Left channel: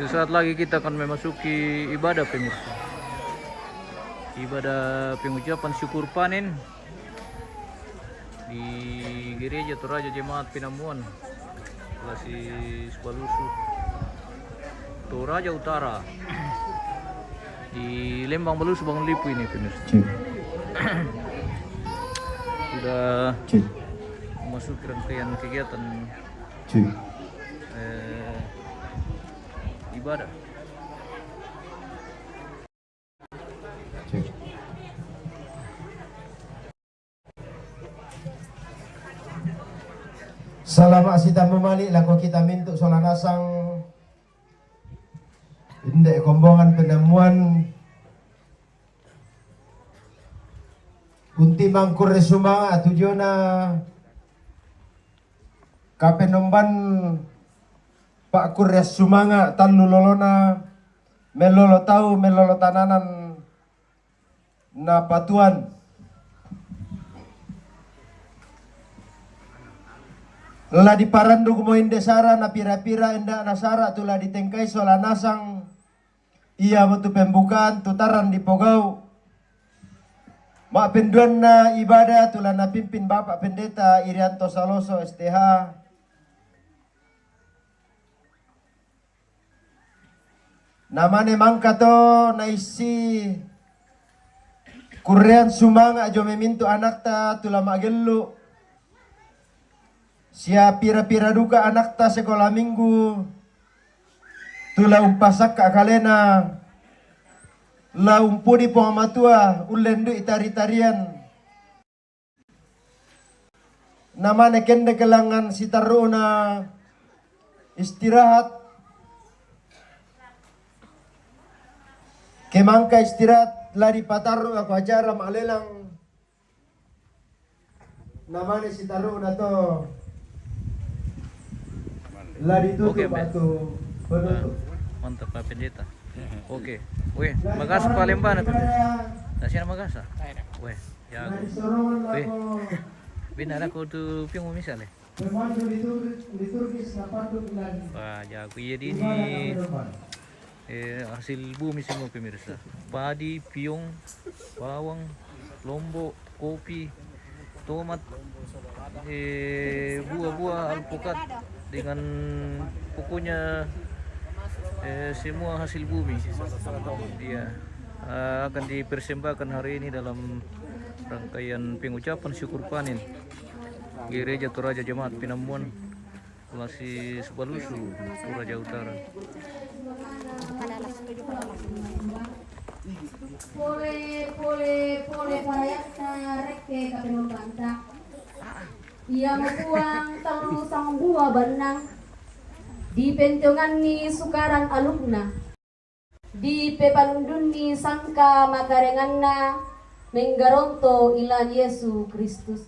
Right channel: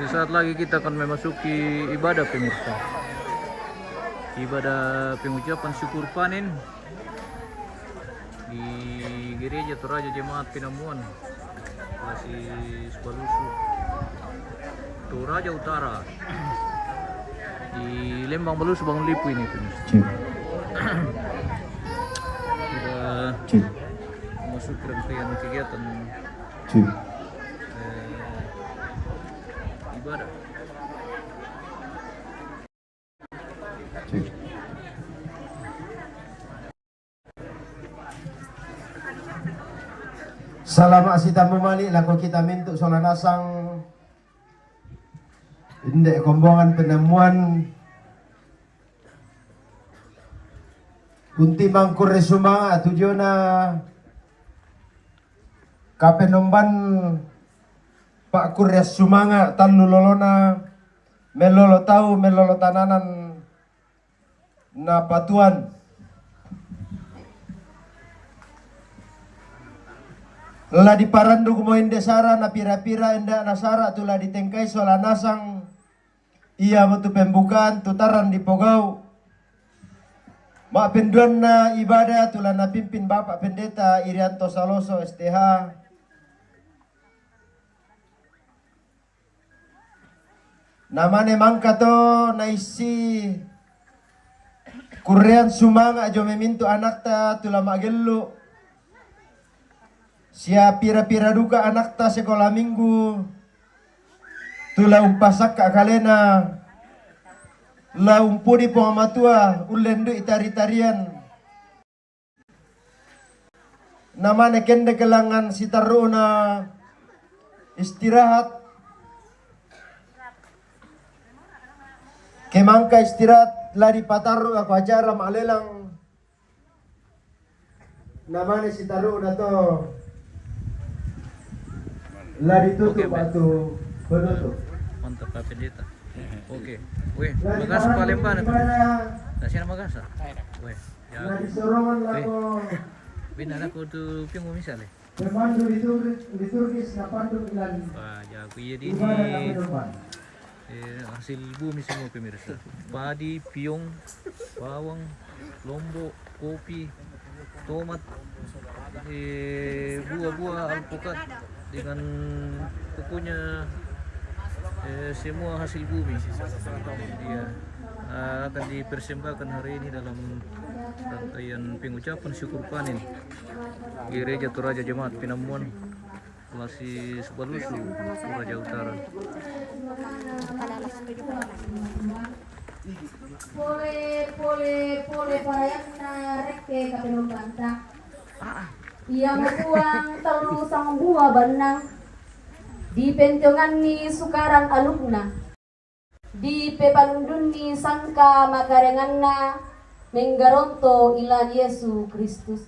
Sesaat lagi kita akan memasuki ibadah pemirsa. Ibadah pengucapan syukur panen di Gereja Toraja Jemaat Pinamuan, Lasi Subalusu, Toraja Utara, di Lembang Balusu Bangun Lipu ini pemirsa. Sudah memasuki rangkaian kegiatan ibadah. Salamat sita memalik laku kita mintuk solanasang indek kombongan penemuan kunti mangkur resuma tujuana kapenomban Pak Kuryas Sumanga tan lolona melolo tahu melolo tananan na patuan la di parandu mo indesara na pira-pira enda nasara tula ditengkai solanasang iya mutu pembukaan tutaran di Pogau mak penduan na ibadah tula na pimpin Bapak Pendeta Irianto Saloso STH namane mangka to naisi Kuryas Sumanga jo memintu anak ta tula magelu sia pira-pira duka anak ta sekolah minggu tula umpasak ka kalena la umpudi pongamatua ulendu itari-tarian namane kende kelangan sitaruna istirahat kemangka istirahat lari pataru aku acara malelang namanya si taru na to lari tutup batu penutup. Mantap Pak Pendeta. Oke. Weh, Magasa Palembang itu. Nasi Magasa. Weh, ya. Weh. Bina aku tu piung misalnya. Pemandu liturgis na pandu ilan. Wah, ya aku jadi ini hasil bumi semua pemirsa. Padi, piung, bawang, lombok, kopi, tomat, buah-buah alpukat dengan pokoknya semua hasil bumi. Dia akan dipersembahkan hari ini dalam rangkaian pengucapan syukur panen Gereja Toraja Jemaat Pinamuan, Lasi Subalusu, Toraja Utara. Pole parayakna rekke kapeno banta. Ia makuang terus sang buah benang. Di pentongan ni sukaran alumna. Di pepalundun ni sangka makarenganna menggaronto ilan Yesus Kristus.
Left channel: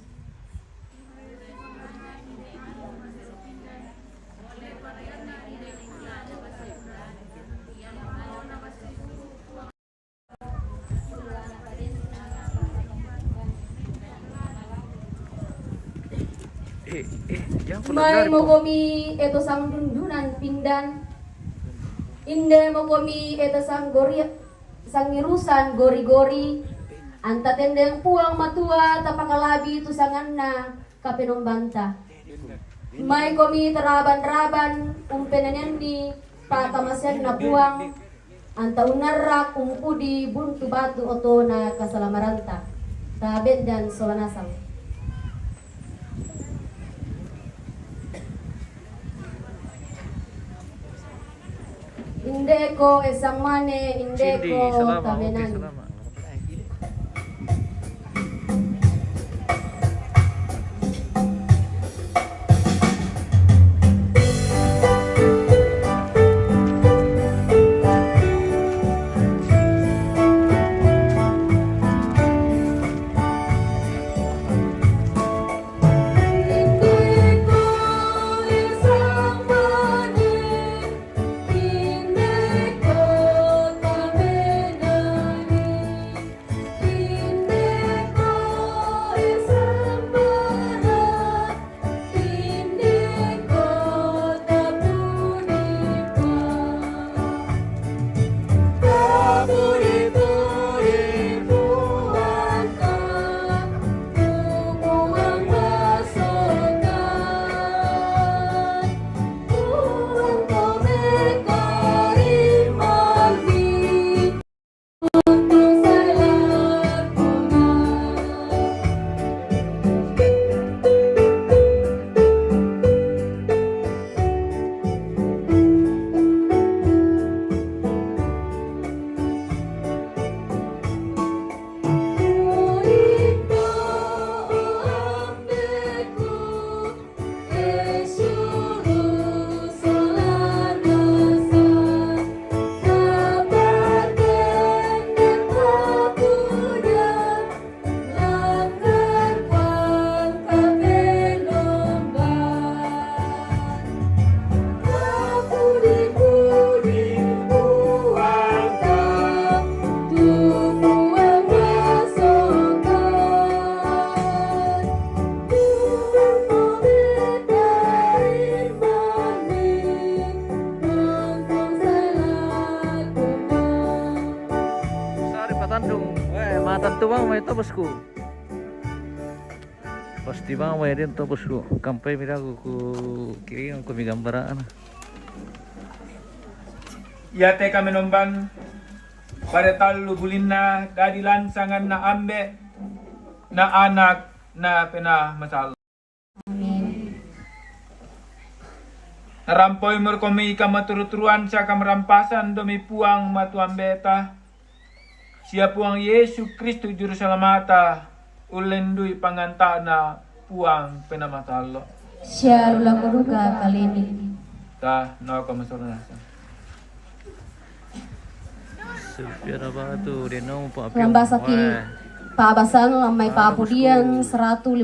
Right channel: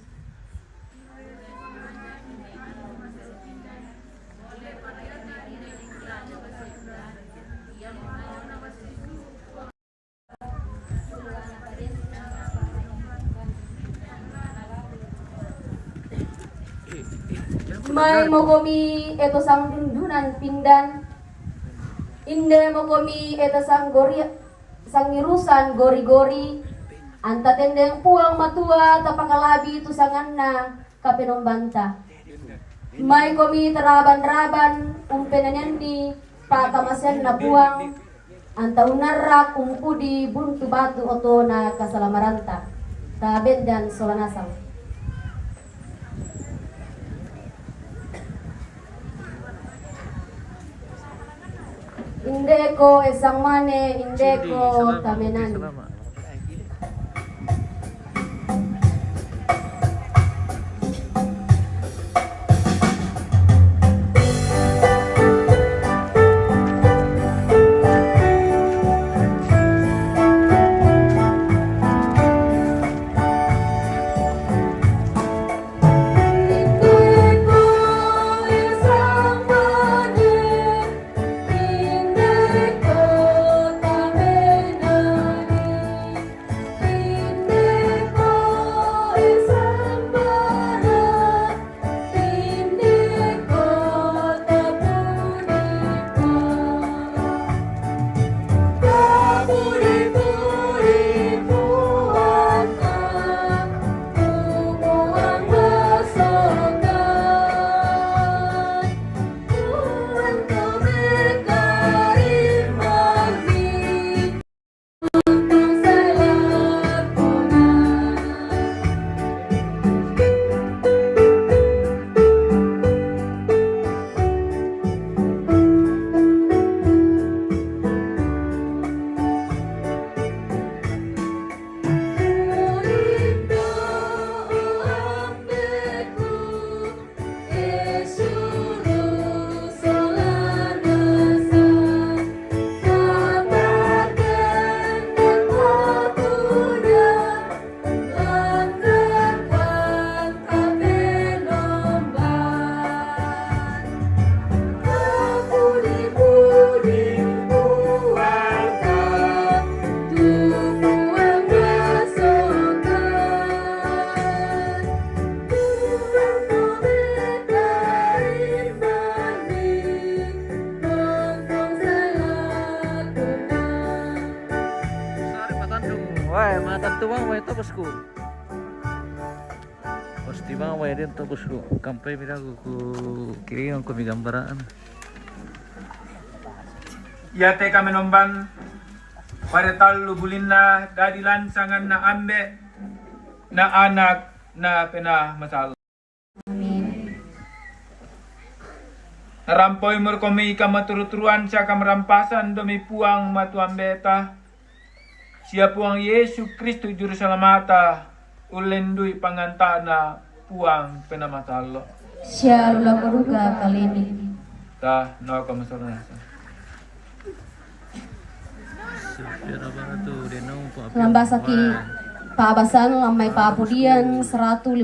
May mo komi eto sang dundunan pindan. Inde mo komi eto sang sang irusan gori-gori. Anta tendeng puang matua tapakalabi tu sanganna kapenombanta. May komi teraban-raban umpenanen di tatamasen na puang. Anta unarak umpudi buntu batu oto na kasalamaranta. Taben dan solanasang. Indeko esang mane, indeko kamenan. Pasti bang may din to bosku. Kampay mi dago ku kiringan ko mi gambaraan. Ya te kami nomban pada talu bulinna dadi lansangan na ambe na anak na pena masal. Amin. Narampoy mo kami kamaturuturuan sa kamerampasan domi puang matuang beta. Siya puang Yesu Kristo juru salamata ulendui pangantana puang penamatalo. Siya lula koruga kali ini. Ta no kamasoran. Supir apa tu dia no pa. Lambasaki paabasan lamay paapudian 150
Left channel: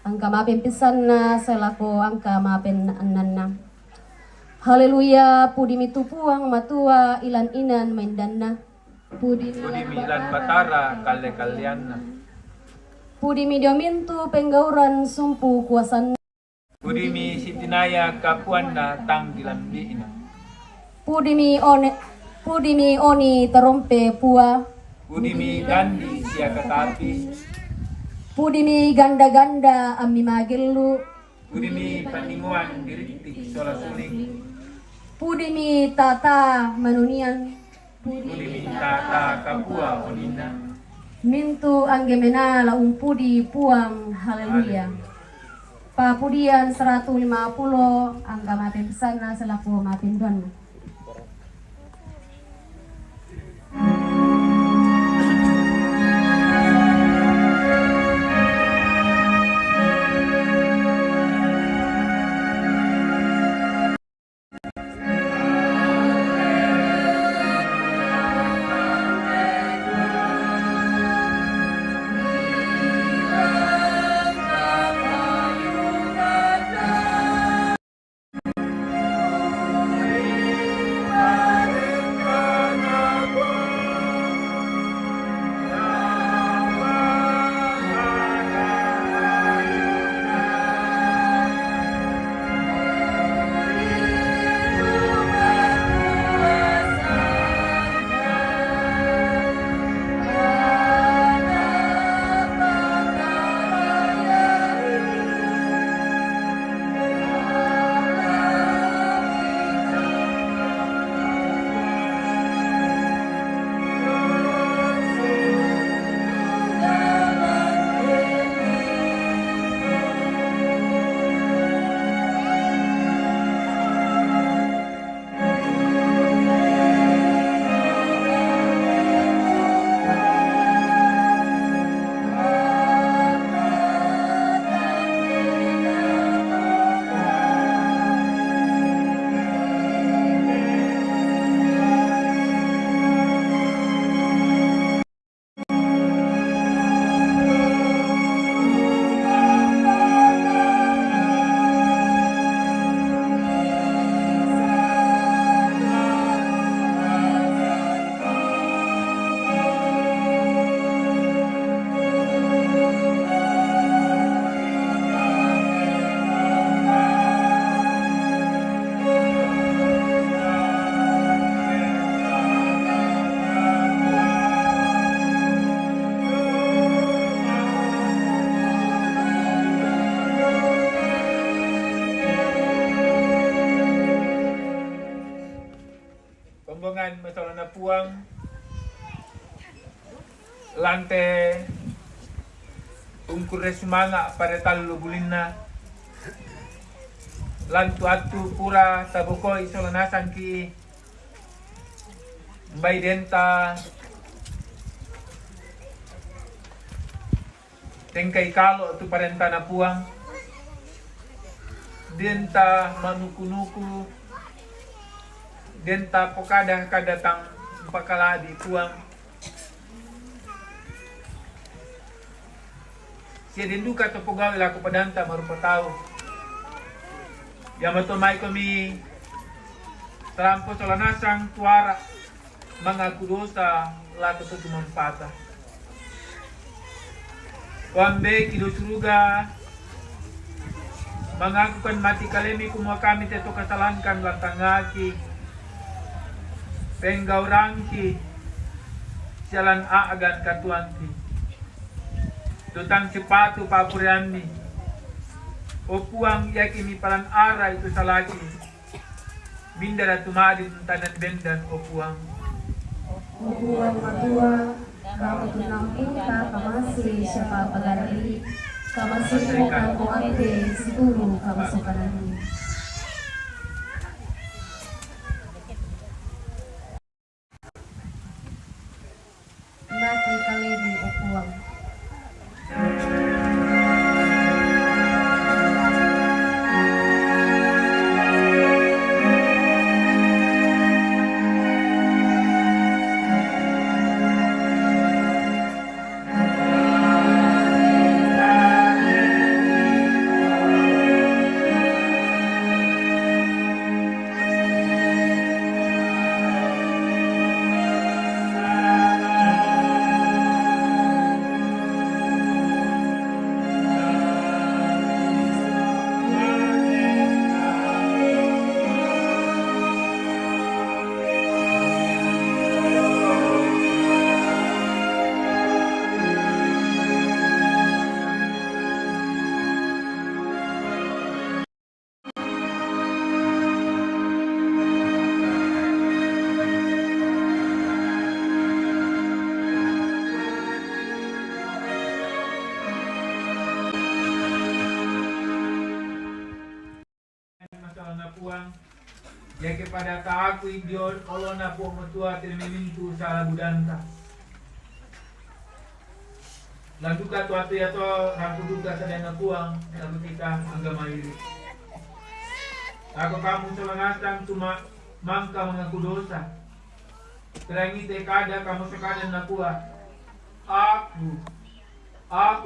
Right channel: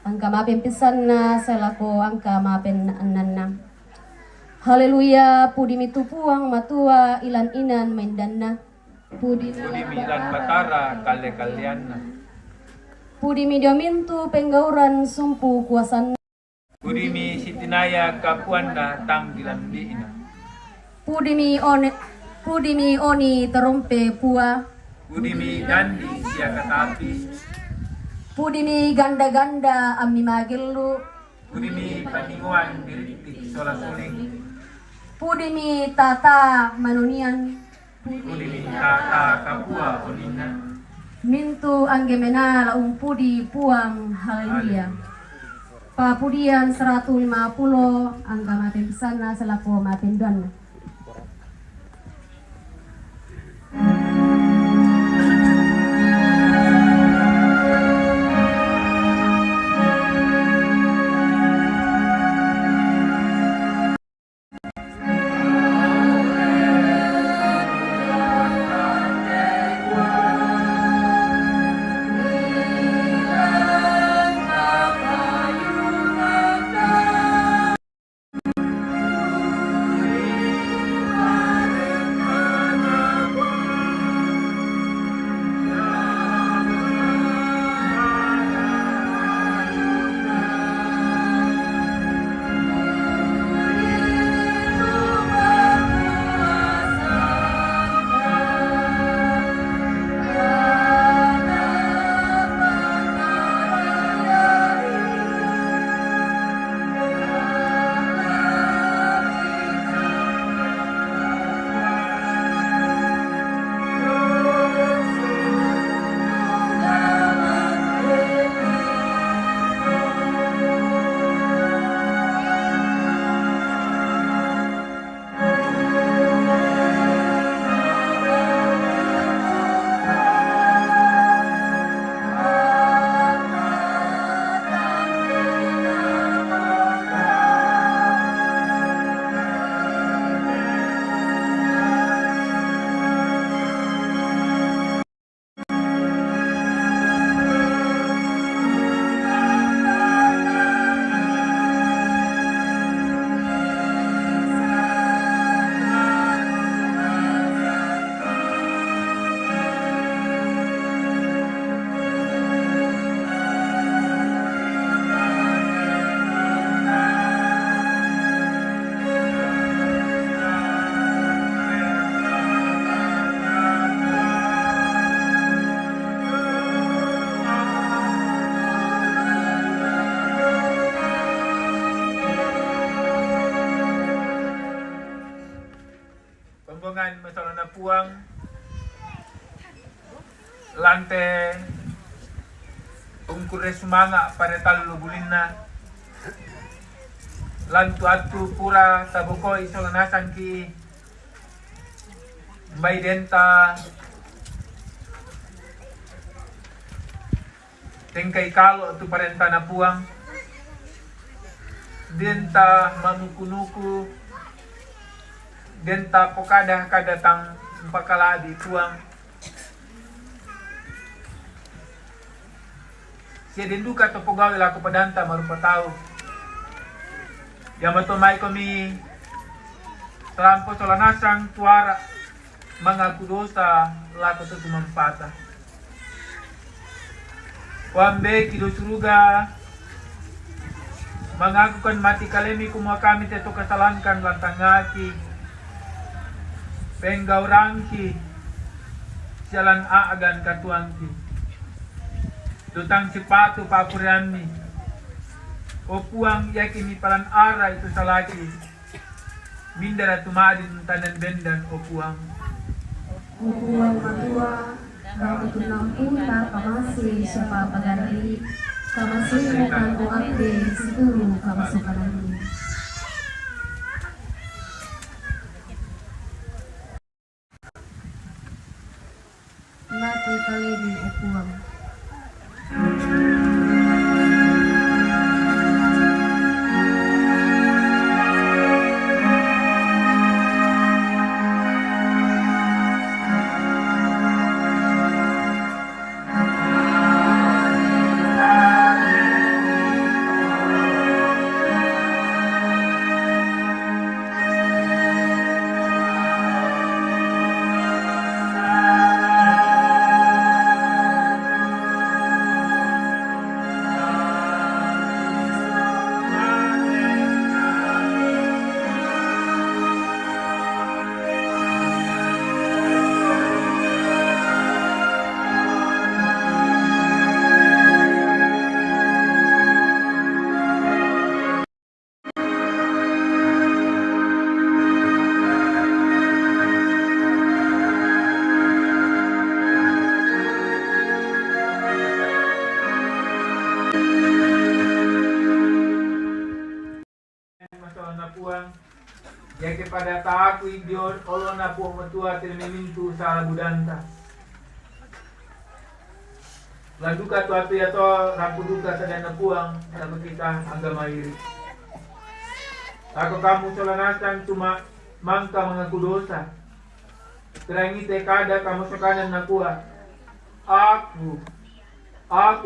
angka mapin pisan na selako angka mapin ananna. Haleluya pudi mitupuang matua ilan inan maindanna. Pudi Budi milan batara kale kalian. pudi midiomintu penggauran sumpu kuasan. Budi mi sitinaya kapuan na tang dilambiina. Pudi mi oni terompe pua. Budi mi gandi siya katapi. Pudi mi ganda-ganda ami magelu. Budi mi paninguan diritik sola suling. Pudi mi tata manunian. Budi mi tata kapua onina. Mintu anggemena laung pudi puang haleluya. Papudian 150 angka maten sana selapo maten don. Pembongan masalah na puang lante ungkure sumanga pada talu bulinna lantu atu pura tabuko isolanasan ki mbay denta tengkay kalo tu parenta na puang denta manukunuku denta pokada kadatang pakaladi puang siya din duka to pogaw ilaku padanta marupataw yamatomay kami trampo solanasang tuara mga kudosa laku to tumampata wambe kidosuruga mengakukan mati kalemi kumua kami tetu kasalankan lantangaki penggaurangki sialan aagan katuanki tutang sepatu papuriani. Upuang yakini paran ara itu salaki. Bindara tumadi tadan benda upuang. Upuang berdua, kami tunampingkan pamasi siapa pagari, pamasi kata buate seluruh kawasan pagari. Mati kaledi upuang. Ya kepada taku idiot kalau na po matua termimintu sa budanta. Lalu ka tuatu ya to rampuduka sa dana puang sama kita agama iri. Ako kamu solanasan cuma mangka mengaku dosa. Terangi tekada kamu sekadan nakua. Aku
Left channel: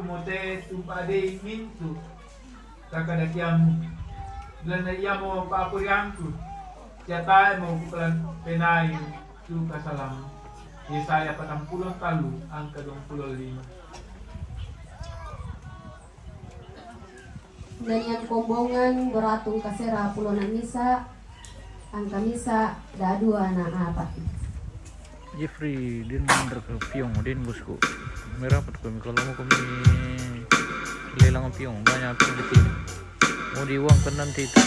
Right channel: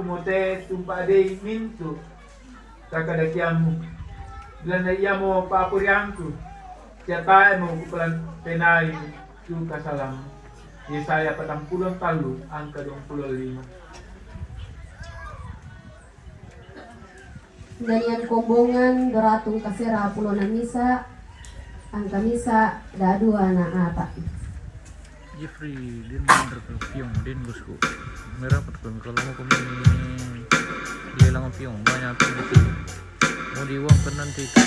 mau te tumpa dei mintu kakada kiamu. Dan ia mau papuriangku. Siapa mau kupelan penai itu kasalam. Yesaya 40 kalu angka 25. Danian kombongan beratung kasera pulonan misa angka misa dadua na ata. Jeffrey din berpiong din bosku. Merah kami kalau mau kami lelang piong banyak piong di sini. Mau diuangkan nanti itu.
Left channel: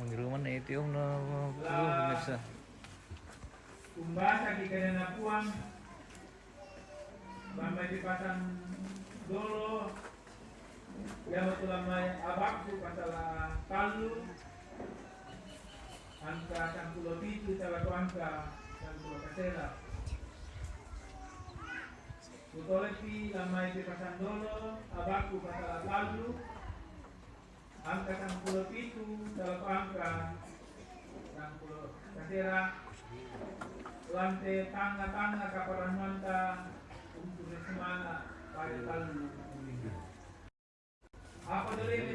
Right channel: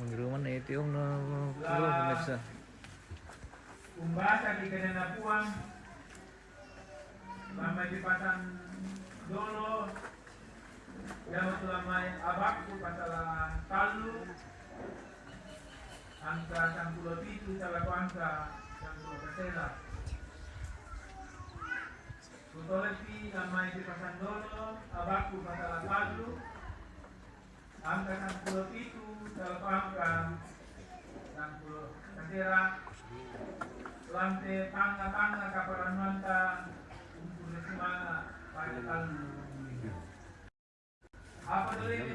Mengiriman itu om na pemirsa. Umbasa di kena puang sampai dipasang dolo yang selama abakku pasal kalu angka 37 salah angka yang kasera Kutolepi lama dipasang dolo abakku pasal kalu angka 67 dalam angka 60 kasera lantai tanga-tanga kaparan manta untuk semana pada tahun apa dulu itu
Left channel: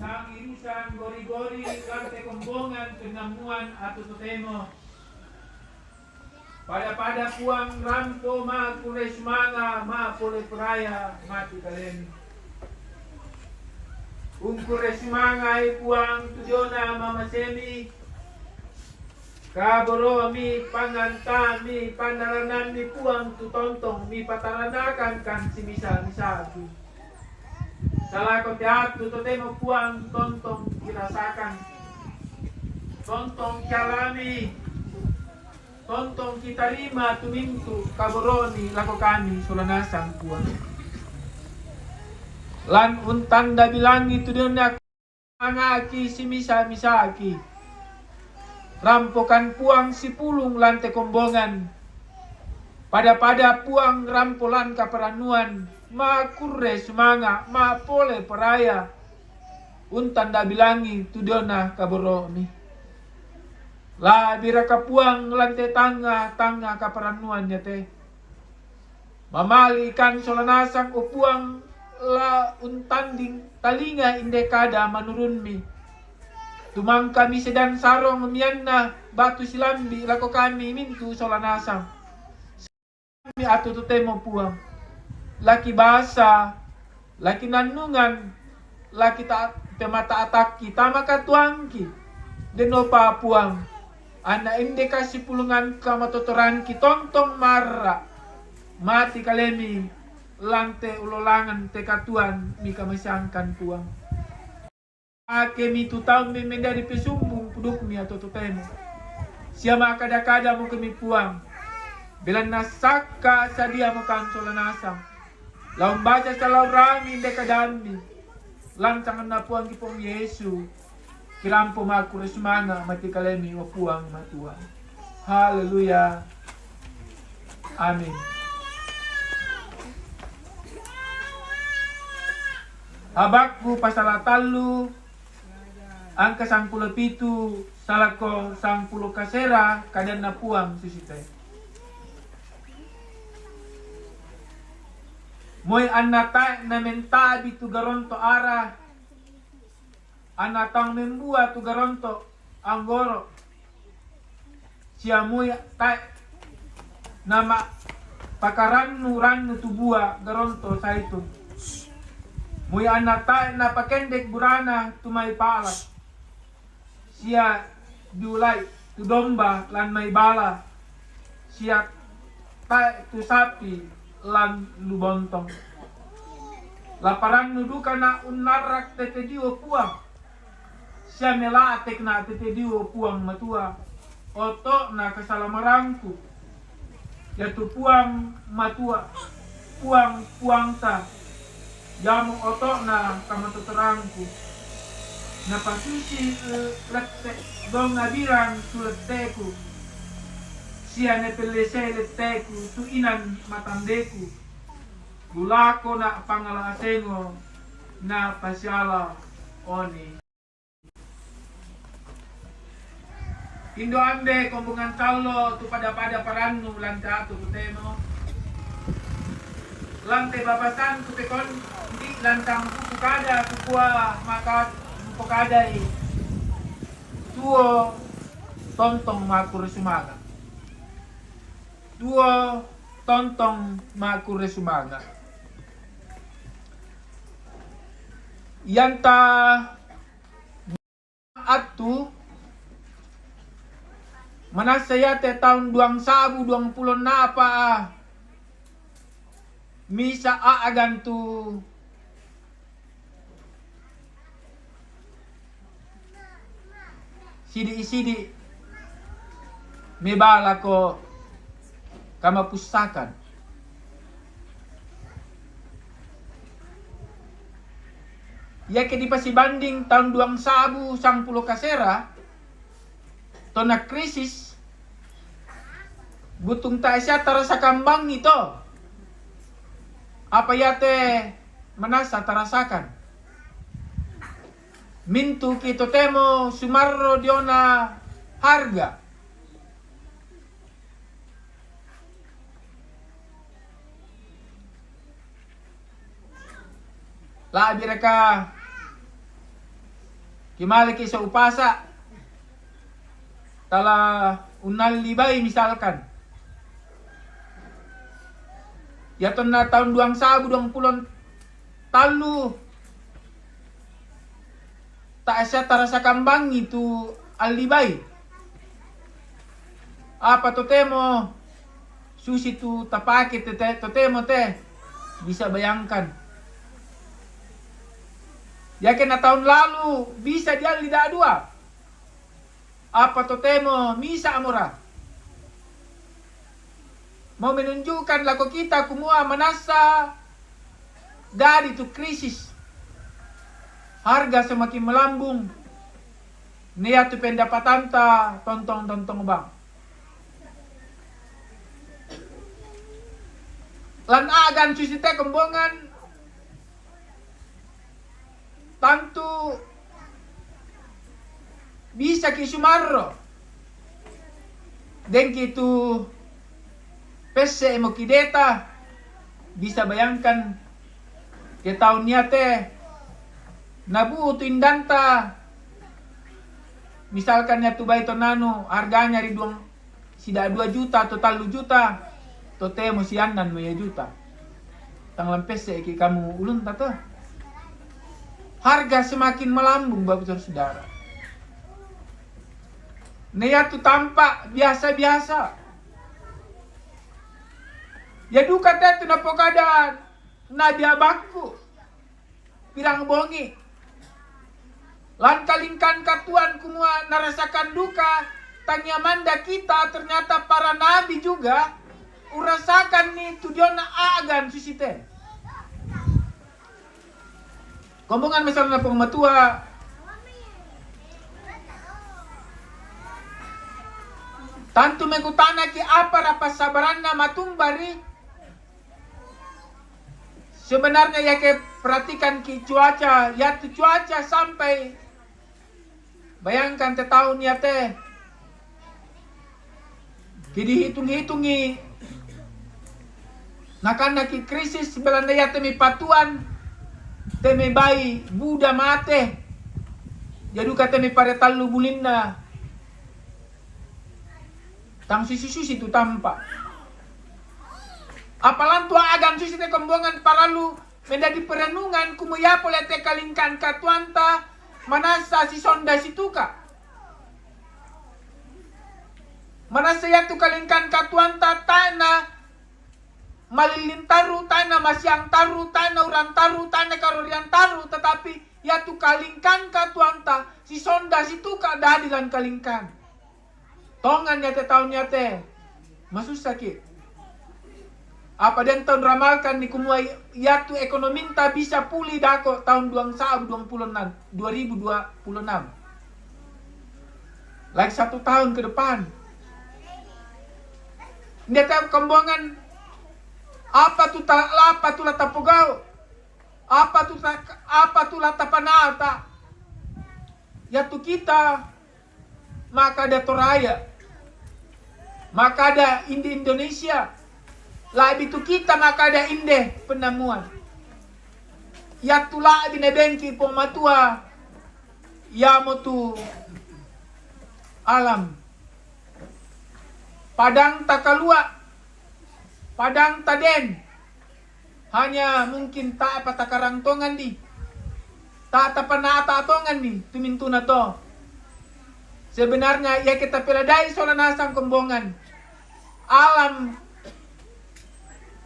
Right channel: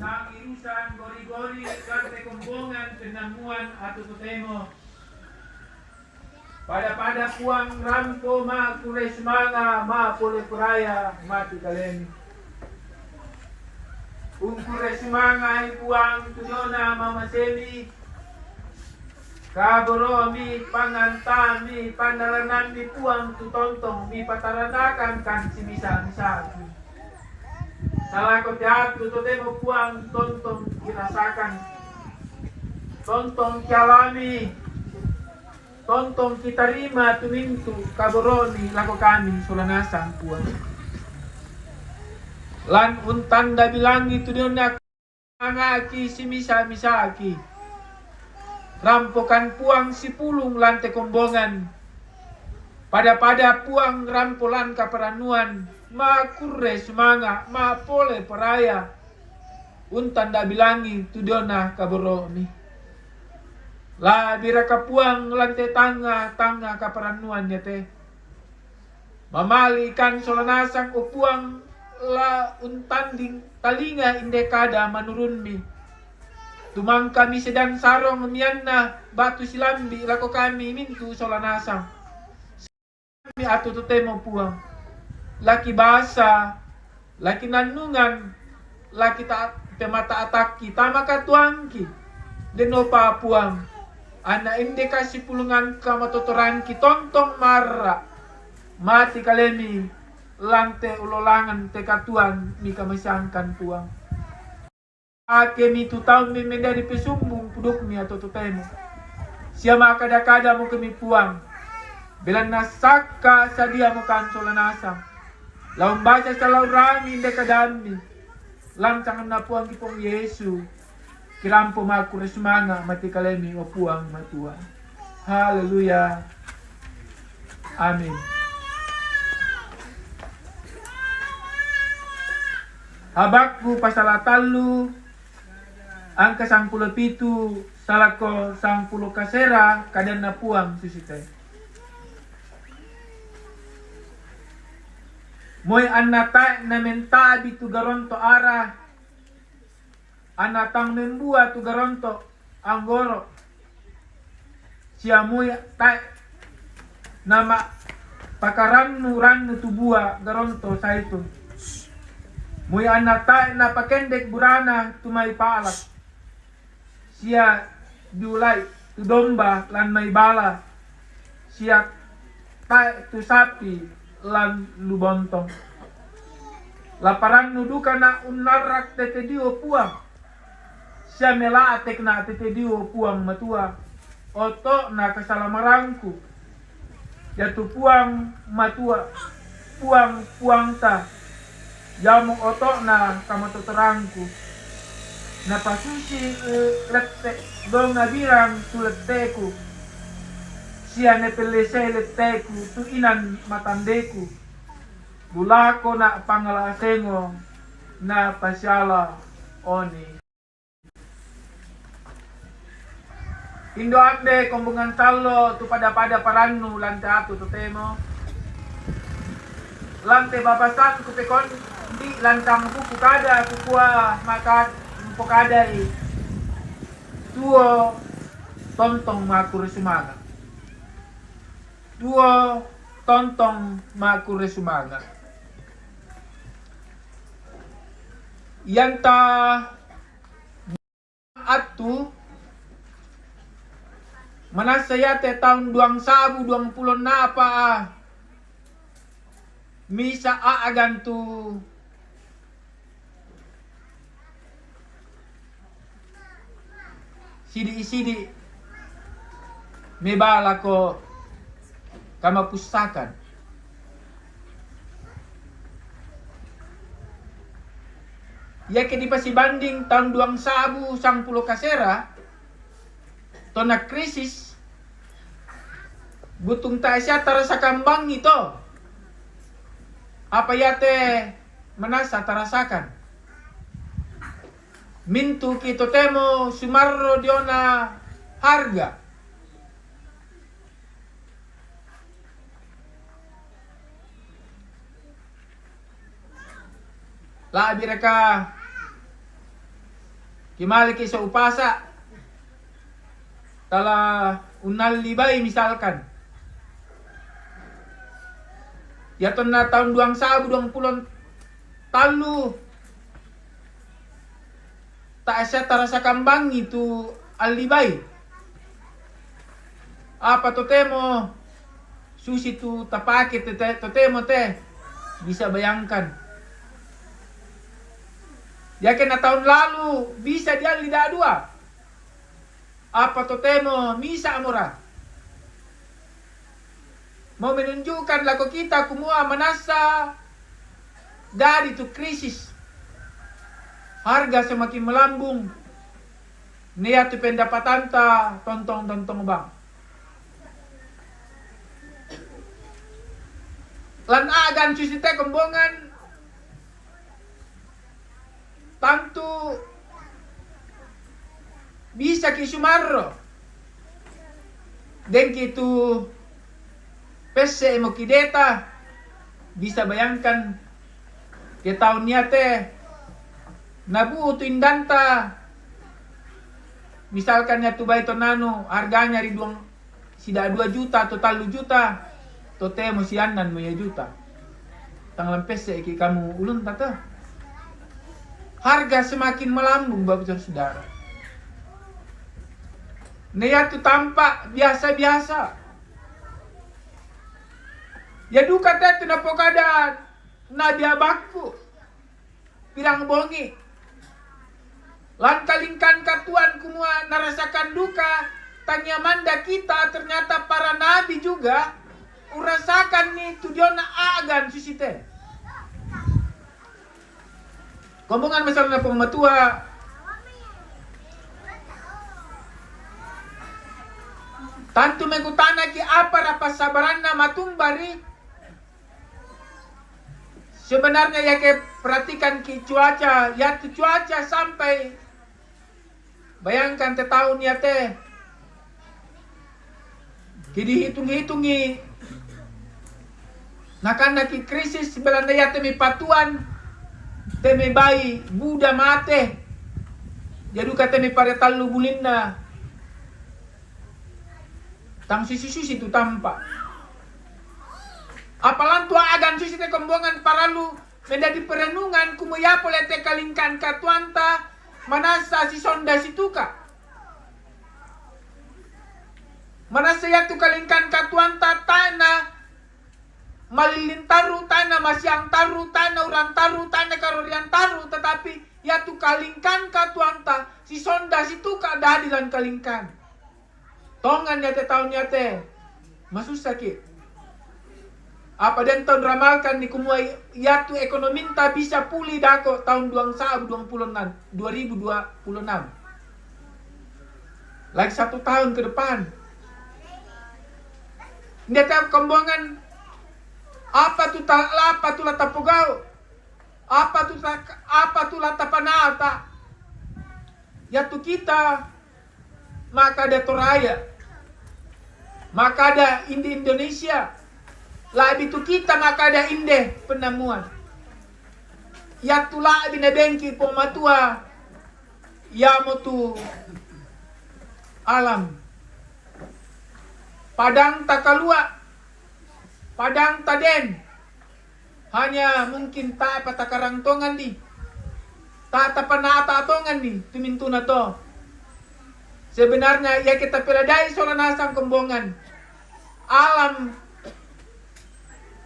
Sang irusan gori-gori karte kombongan penamuan atau totemo pada puang rampo ma kules manga ma pole kuraya mati kaleni kules manga puang tudona mama semi kaburo mi panganta mi pandaranan mi puang tutontong mi pataranakan kan si misa-misa salah ko teatro to temo puang tontong kirasakan tontong kalami tontong kita rima tumintu kaboroni lako kami sulanasan puang lan untanda bilang itu dia angaki si misa-misaki rampokan puang si pulung lante kombongan pada puang rampolan kaperanuan ma kurre semanga ma pole peraya untanda bilangi tudona kaboroni la biraka puang lante tanga kaperanuan ya teh mamali ikan solanasang upuang la untanding talinga indekada manurunmi tumang kami sedang sarong mianna batu silambi lako kami mintu solanasang kami atu tutemo puang laki bahasa laki nanungan laki temata ataki tamaka tuangki denopa puang ana indikasi pulungan kamatotoranki tontong marra mati kalemi lante ulolangan tekatuan mika masyangkan puang ake mi tutau mi mendari pesumbung puduk mi atau tutemo siama kada-kada mo kami puang bilan nasaka sadia mo kansolanasang lawan baca kalau rami dekadami lancangan na puang kipong Yesu kirampo maku resmanga mati kalemi o puang matua haleluya amin habakku pasala talu angka 17 salako 10 kasera kadan na puang susite moy anata na mentabi tu garonto ara anatang membua tu garonto anggoro sia moy ta nama pakaran nuran tu bua garonto saitun moy anata na pakendek burana tu may pala sia dulay tu domba lan may bala sia ta tu sapi lan lubontong laparan nuduka na unarak tetedio puang siya mela atek na tetedio puang matua oto na kasalamarangku yaitu puang matua puang ta jamu oto na kamatoterangku na pasusi lette dong nabirang tuletteku siya nepelese letteku tu inan matandeku bulako na pangalasengo na pasyala oni indo ambe kombungan talo tu pada parannu lante atu tutemo lante babasan ku pekon di lantang ku kada kukua maka pukada i tuo tontong makur sumaga duo tontong makur sumaga yanta atu manasayate tahun 2020 na pa misa aagantu sidi may bala ko kamapustakan ya ke di pasibanding tahun 2010 kasera to na krisis butung ta siya tara sa kambang ito Apa yate manasa tarasakan? Mintu kito temo sumarro diona harga. Labi reka kimali ki sa upasa tala unal libay misalkan. Yaton na tahun 2020 talu tak asa tarasa kambang itu alibay. Apa to temo susi tu tapake to temo te bisa bayangkan. Yakin na tahun lalu bisa dia lidah dua. Apa to temo misa amora. Mau menunjukkan laku kita kumua manasa dari tu krisis. Harga semakin melambung. Nia tu pendapatan ta tontong bang. Lan agan susite kembongan. Tantu bisa kisumarro. Den kitu pese mo kideta. Bisa bayangkan ke tahun niate nabu tu indanta. Misalkan ya tu baito nano harganya riduang sida 2 juta atau 3 juta. Tote mo sianan mo ya juta. Tanglang pese ki kamu ulun tata. Harga semakin melambung bapak saudara. Nia tu tampak biasa-biasa. Ya duka tu napokada nabi abaku. Pirang bongi. Lan kalingkan katuan kumua narasakan duka. Tanya manda kita ternyata para nabi juga. Urasakan nih tujuan agan susite. Kombongan masalah pematua. Tantu mengutana ki apa rapas sabaranna matumbari. Sebenarnya ya ke perhatikan ki cuaca, ya tu cuaca sampai bayangkan te tahun ya teh. Ki dihitung-hitungi. Nakana ki krisis belanda ya teh mi patuan. Teme bayi Buddha mate. Jadi kata me pada talu bulinna. Tang susi itu tampak. Apalan tua agan susi te kombongan paralu menjadi perenungan kumaya pole te kalingkan katuanta manasa si sonda situka. Manasa ya tu kalingkan katuanta tanah malilin taru, tanah masyang taru, tanah uran taru, tanah karorian taru, tetapi ya tu kalingkan katuanta, si sonda situ keadaan kalingkan. Tongan ya te tahun ya te, masus sakit. Apa dan tahun ramalkan ni kumuai ya tu ekonomi ta bisa pulih dako tahun 2026. Lagi 1 tahun ke depan. Ini tahu kembongan. Apa tu lata pogao? Apa tu lata panata? Ya tu kita maka ada Toraya. Maka ada Inde Indonesia. Labi tu kita maka ada Inde penemuan. Ya tu labi nebengki pematua. Ya motu alam. Padang takalua. Padang taden. Hanya mungkin tak apa takarang tongan di. Tak tapanata tongan di. Tumintu na to. Sebenarnya ya kita peladai soal nasang kembongan. Alam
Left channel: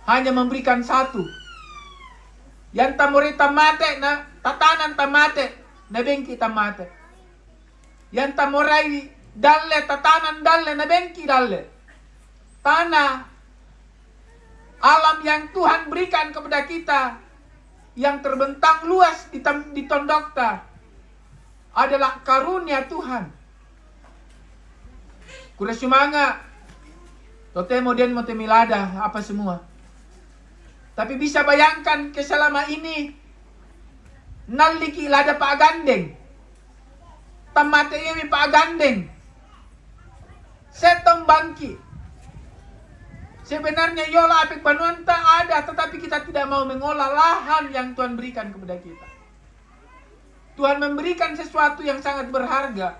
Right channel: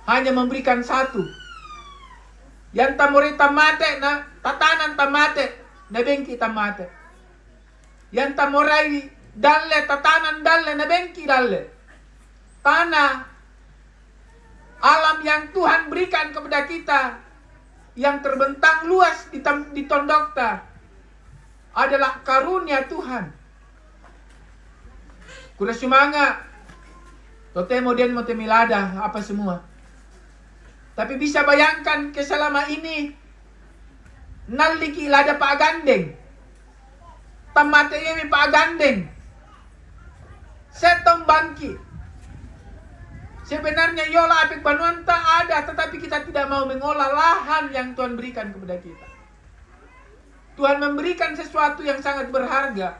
hanya memberikan satu. Yang tamori tamate na tatanan tamate. Nabengki tamate. Yang tamorai dalle tatanan dalle nabengki dalle. Tanah alam yang Tuhan berikan kepada kita yang terbentang luas di tondokta adalah karunia Tuhan. Kuda sumanga totemo den motemilada apa semua. Tapi bisa bayangkan ke selama ini naliki lada Pak Gandeng. Tamate ini Pak Gandeng. Setong bangki. Sebenarnya yola apik banuanta ada, tetapi kita tidak mau mengolah lahan yang Tuhan berikan kepada kita. Tuhan memberikan sesuatu yang sangat berharga.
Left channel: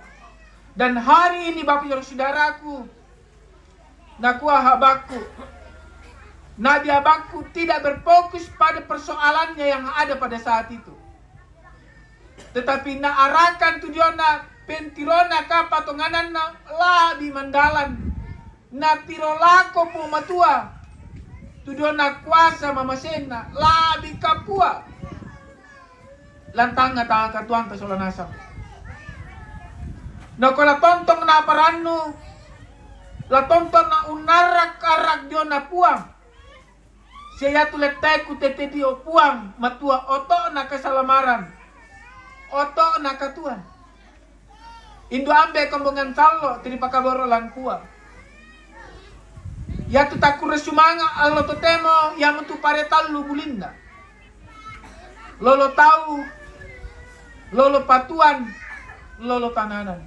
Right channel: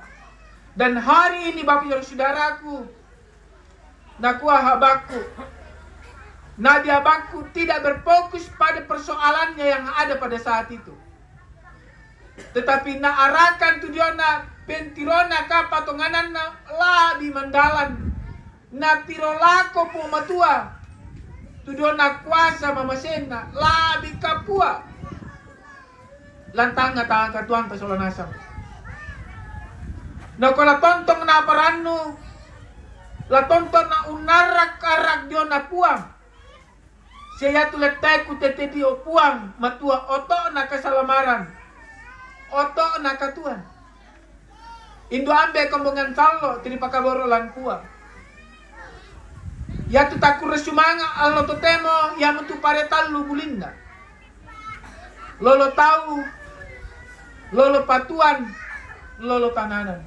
Dan hari ini Bapak Saudaraku, Nakua Habakuk, Nabi Habakuk tidak berfokus pada persoalannya yang ada pada saat itu. Tetapi naarakan tujuana pentirona kapatonganan na labi mandalan na tirolako po matua tujuana kuasa mamasena labi kapua lantang nga tangan katuan ta solanasam. Na kala tontong na parano la tonton na unarak karak dio na puang siya tuletay ku tete dio puang matua oto na kasalamaran oto na katuan indo ambe kombongan sallo tini pakaboro lang puang ya tu takure sumanga allo totemo ya mentu paretal lu bulinda lolo tahu lolo patuan lolo tananan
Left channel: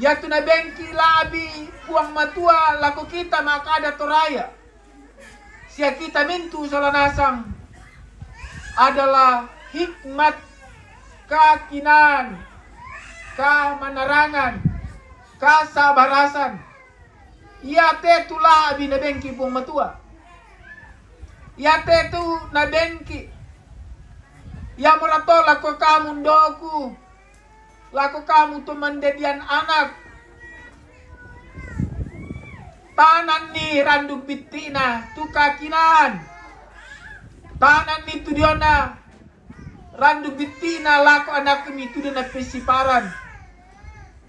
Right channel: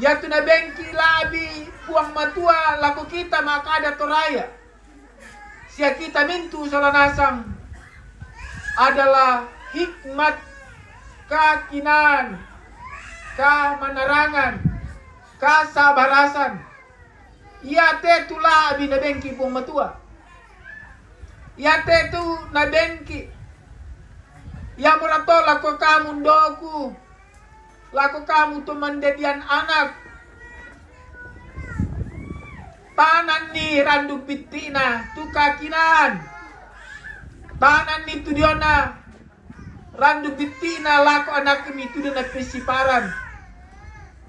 ya tu na bengki labi puang matua laku kita maka ada toraya sia kita mintu solanasang adalah hikmat kakinan, kamanarangan, kasabarasan. Ia te tula abi na bengki pong matua. Ia te tu na bengki. Ia murato lako kamu doku. Lako kamu tu mendedian anak. Tanan ni randu pitina tu kakinan. Tanan ni tu diona randu bitina lako anak kami itu na pesiparan.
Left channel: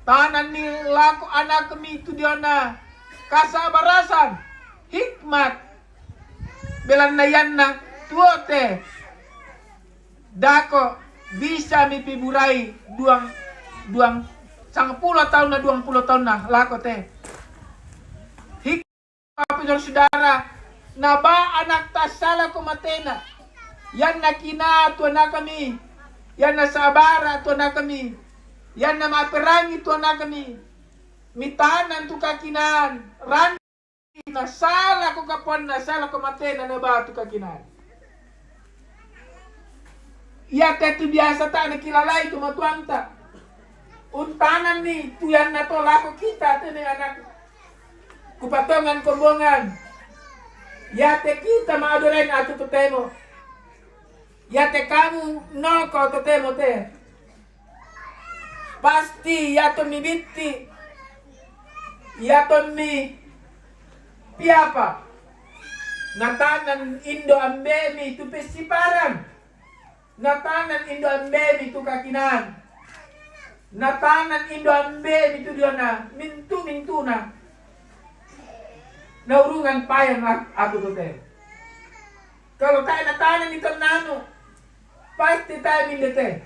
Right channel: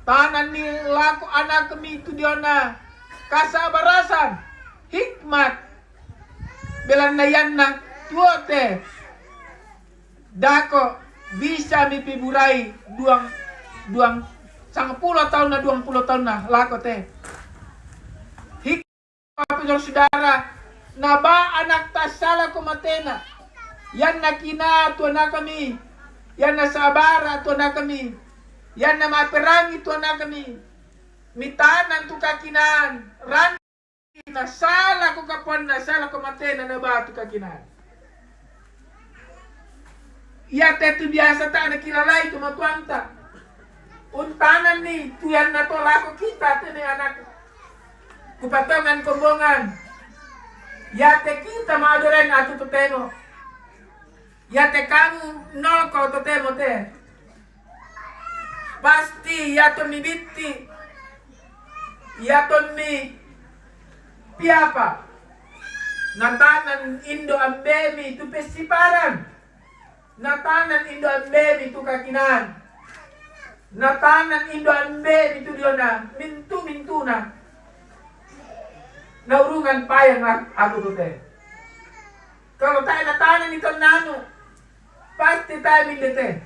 Tanan ni lako anak kami itu na kasabarasan, hikmat. Belan na yan na tuote. Dako bisa mipiburai duang 10 tahun na 20 tahun na lako te. Hikmat saudara, naba anak tasala kumatena. Yan na kina tuan na kami. Yan na sabara tuan na kami. Yan na maperangi tuan na kami. Mitanan tu kakinan. Ran na sala ko kapan na sala ko matena na ba tu kakinan. Ya tetu biasa tak na kilalay tu matuanta. Untanan ni tuyan na to lako kita tene anak. Kupatongan kombongan. Ya te kita maadoren atu tuteno. Ya te kamu no ko totemo te. Pasti ya to mi bitti. Ya to mi piapa. Natanan indo ambemi tu pesiparan. Natanan indo ambemi tu kakinan. Natanan indo ambemi tu diona mintu na. Naurungan payang aku tote. Kalau tayo natanan ito nano. Pasti tayo mindete.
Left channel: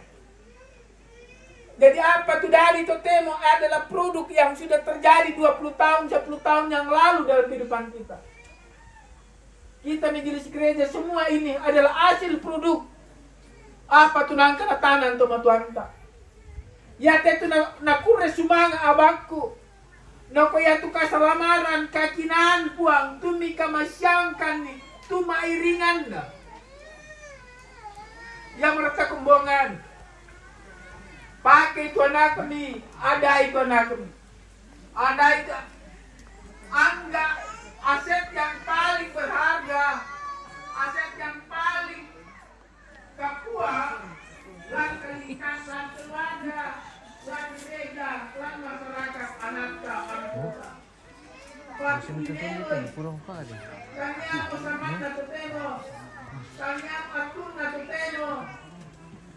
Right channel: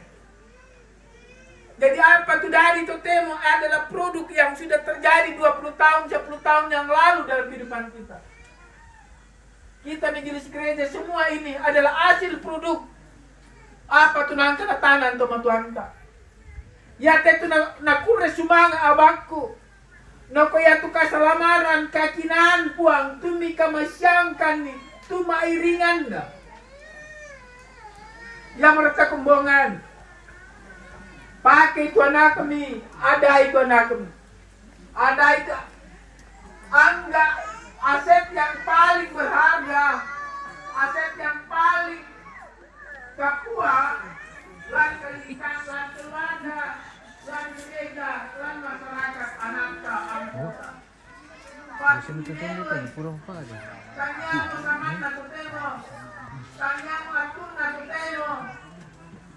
Jadi apa itu dari totemo adalah produk yang sudah terjadi 20 tahun, 10 tahun yang lalu dalam kehidupan kita. Kita majelis gereja semua ini adalah hasil produk apa tunang kanatanan toma tuanta. Ya tetu na kure sumanga abakku. No kaya tu kasalamaran kakinan puang tumi kamasyangkan ni tumairingan na. Yang mereka kembongan. Pakai itu anak kami, ada itu anak kami. Ada itu. Anggap aset yang paling berharga, aset yang paling Papua, lan kalikan, lan keluarga, lan gereja, lan masyarakat anak anggota. Masih menunjukkan kurang pada. Kanya bersama natuteno, kanya patun natuteno,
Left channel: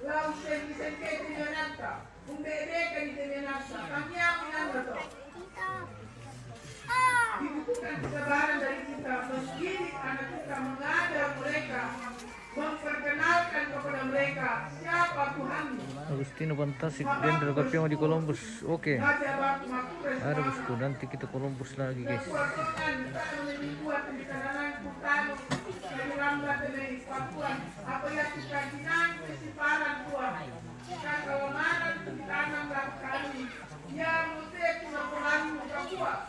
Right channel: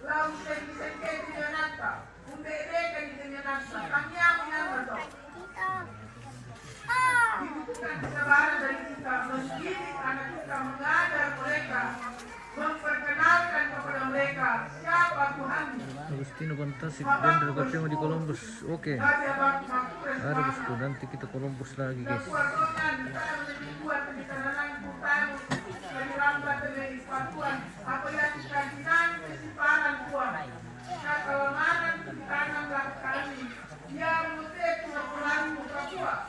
lau sengke di nata, undere kan di nata, kanya menyato. Dibutuhkan kesabaran dari kita, mendidik anak kita, mengajar mereka, memperkenalkan kepada mereka siapa Tuhan. Agustino Fantastic dan Ragapyong di Columbus. Oke. Ada bosku, nanti kita Columbus lagi guys. Tuhan, apa yang keinginan kesimpangan Tuhan, kelemahan tanah kami, yang menjadi kekuatan Tuhan.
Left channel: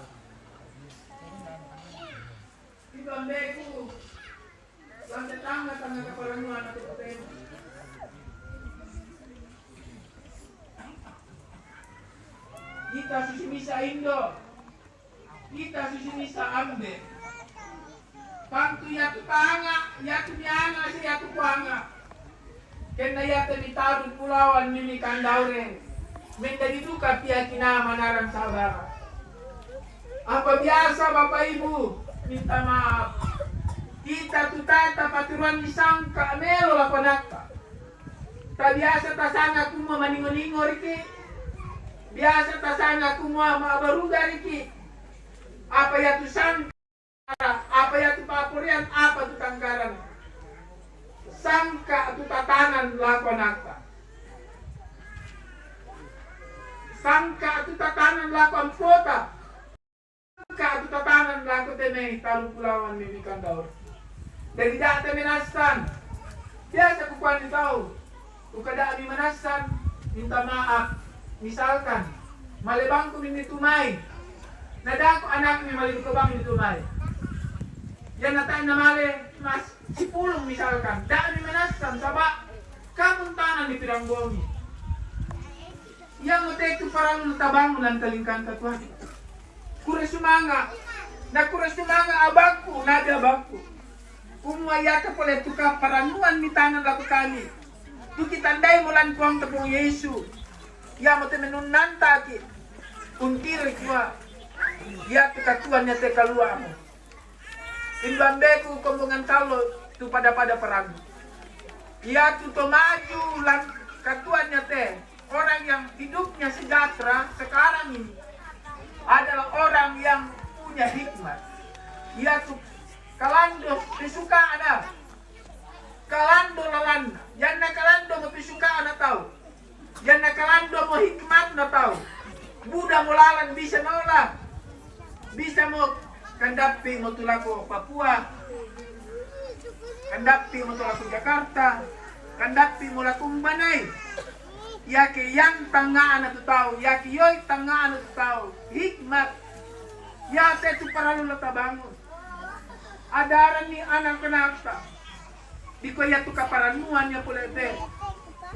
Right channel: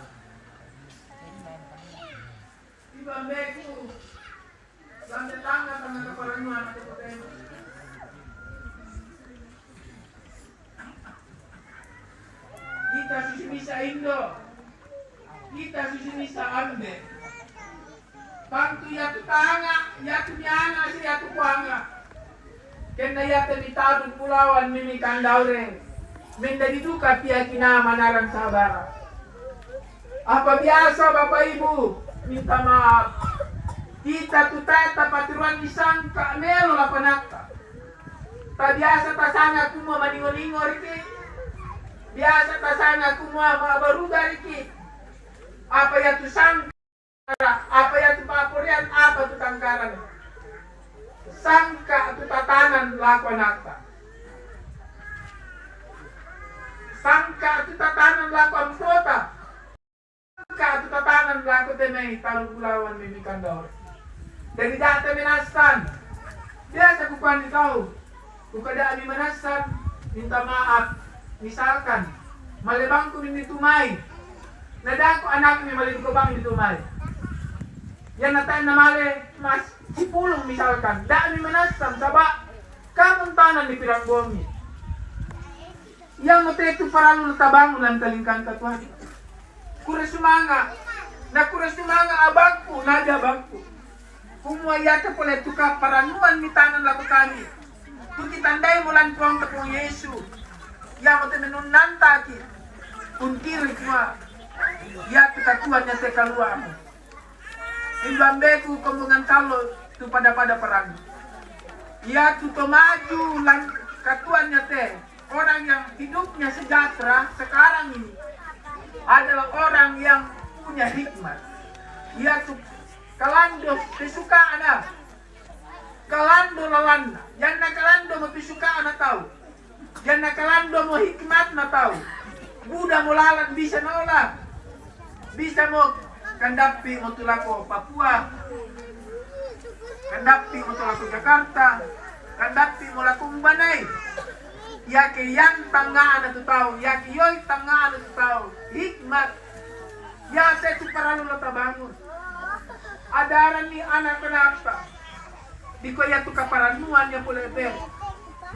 Iba meku, sampai tangga tengah keperluan kita susi bisa Indo, kita susi bisa Ambe. Pantu ya tu tanga, ya tu nyanga, ya tu kuanga. Kena ya tu ditabun pulauan mimi kandaure. Minda diduka pia kina manarang sabara. Apa biasa Bapak Ibu, minta maaf. Kita tu tata paturuan disangka melo la panakta. Ta biasa tasanga kumo maningo-ningo riki. Biasa tasanga kumo mabaruga riki. Apa ya tu sangka, apa ya tu papurian, apa tu tangkaran. Sangka tu tatanan lakonakta. Sangka tu tatanan lakon kota. Sangka tu tatanan lakon tenay talu pulawan mimi kandaur. Dari data minastan. Biasa kukuhan ikaw. Kung kada ami manasan, minta maaf. Misalkan, malibang ko min tumay. Nadako anak ni malibang ko bang tumay. Yan na tayo na mali, mas sipulong misalkan. Daan ni manasan, saba, kamong tanan ni piranggomi. Yang mateto parang natabang lang kalingkan katuhan. Kurasumanga, na kurasumanga abangku, nada abangku. Kung mayata pala tuka paranuan mitana na kami. Tukitanday mo lang kuang kapong Yesu. Ya mo temenun nantaki. Untiri kuma. Ya tukatuan niya te kalua mo. Imbambeku kombongan talo tu pada perang. Ya tutomaju lang katuan niya te. Orang yang hidupnya sejahtera sekarang ini adalah orang yang punya hikmat. Ya tu kalando pisuka ana. Kalando lawan. Yan na kalando mo pisuka ana tao. Yan na kalando mo hikmat na tao. Buda mo lalan bisa nola. Bisa mo kandapi mo tulako Papua. Kandapi mo tulako Jakarta. Kandapi mo lakong Banay. Yaki yang tanga na tao. Yaki yoy tanga na tao. Hikmat. Ya sa parang natabangon. Adaran ni anak kenapa? Di ko ya tu kaparanuan ya pulete.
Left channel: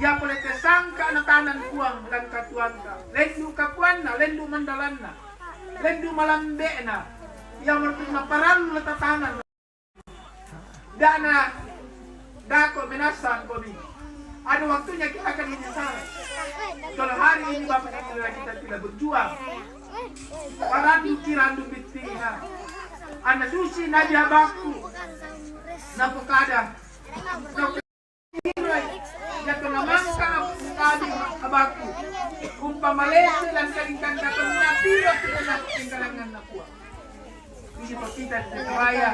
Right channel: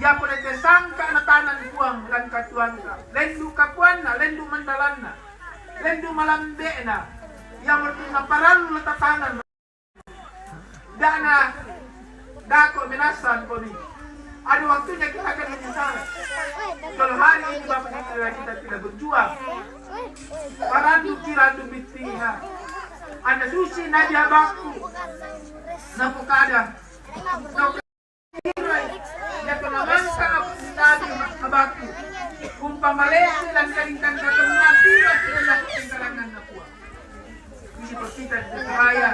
Ya pulete sangka na tanan kuang lan katuan ka. Lendu kakuan na, lendu mandalan na. Lendu malambe na. Ya mo na parang na tatanan. Dana dako minasan ko ni. Ada waktunya kita akan menyesal. Kalau hari ini Bapak kita tidak berjuang. Parandu kirandu bitina. Anda susi nadia baku. Napokada. Ya penamangka tadi abaku. Kumpa Malaysia dan kalingkan datang mati tidak dapat tinggalangan nakua. Isi pepita di raya.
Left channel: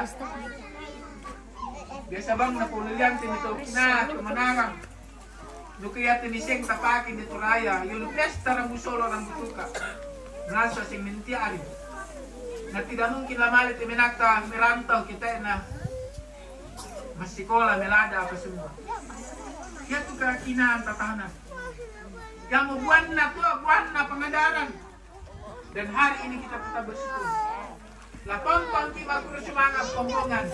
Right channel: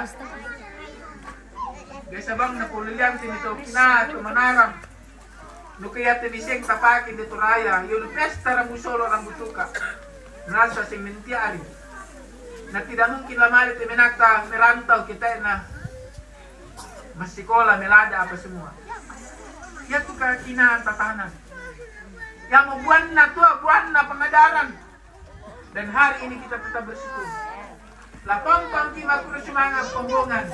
Biasa bang napulian tinito na kemanarang. Nukaya tiniseng tapakin dito raya. Yung pesta ng musolo ng butuka. Nasa simentiari. Na tidak mungkin lamali timinakta merantau kita na masikola, melada apa semua. Ya tu keyakinan tatanan. Yang buan na pengadaran. Dan hari ini kita tetap bersyukur. Lapang kita bersemangat pembongan.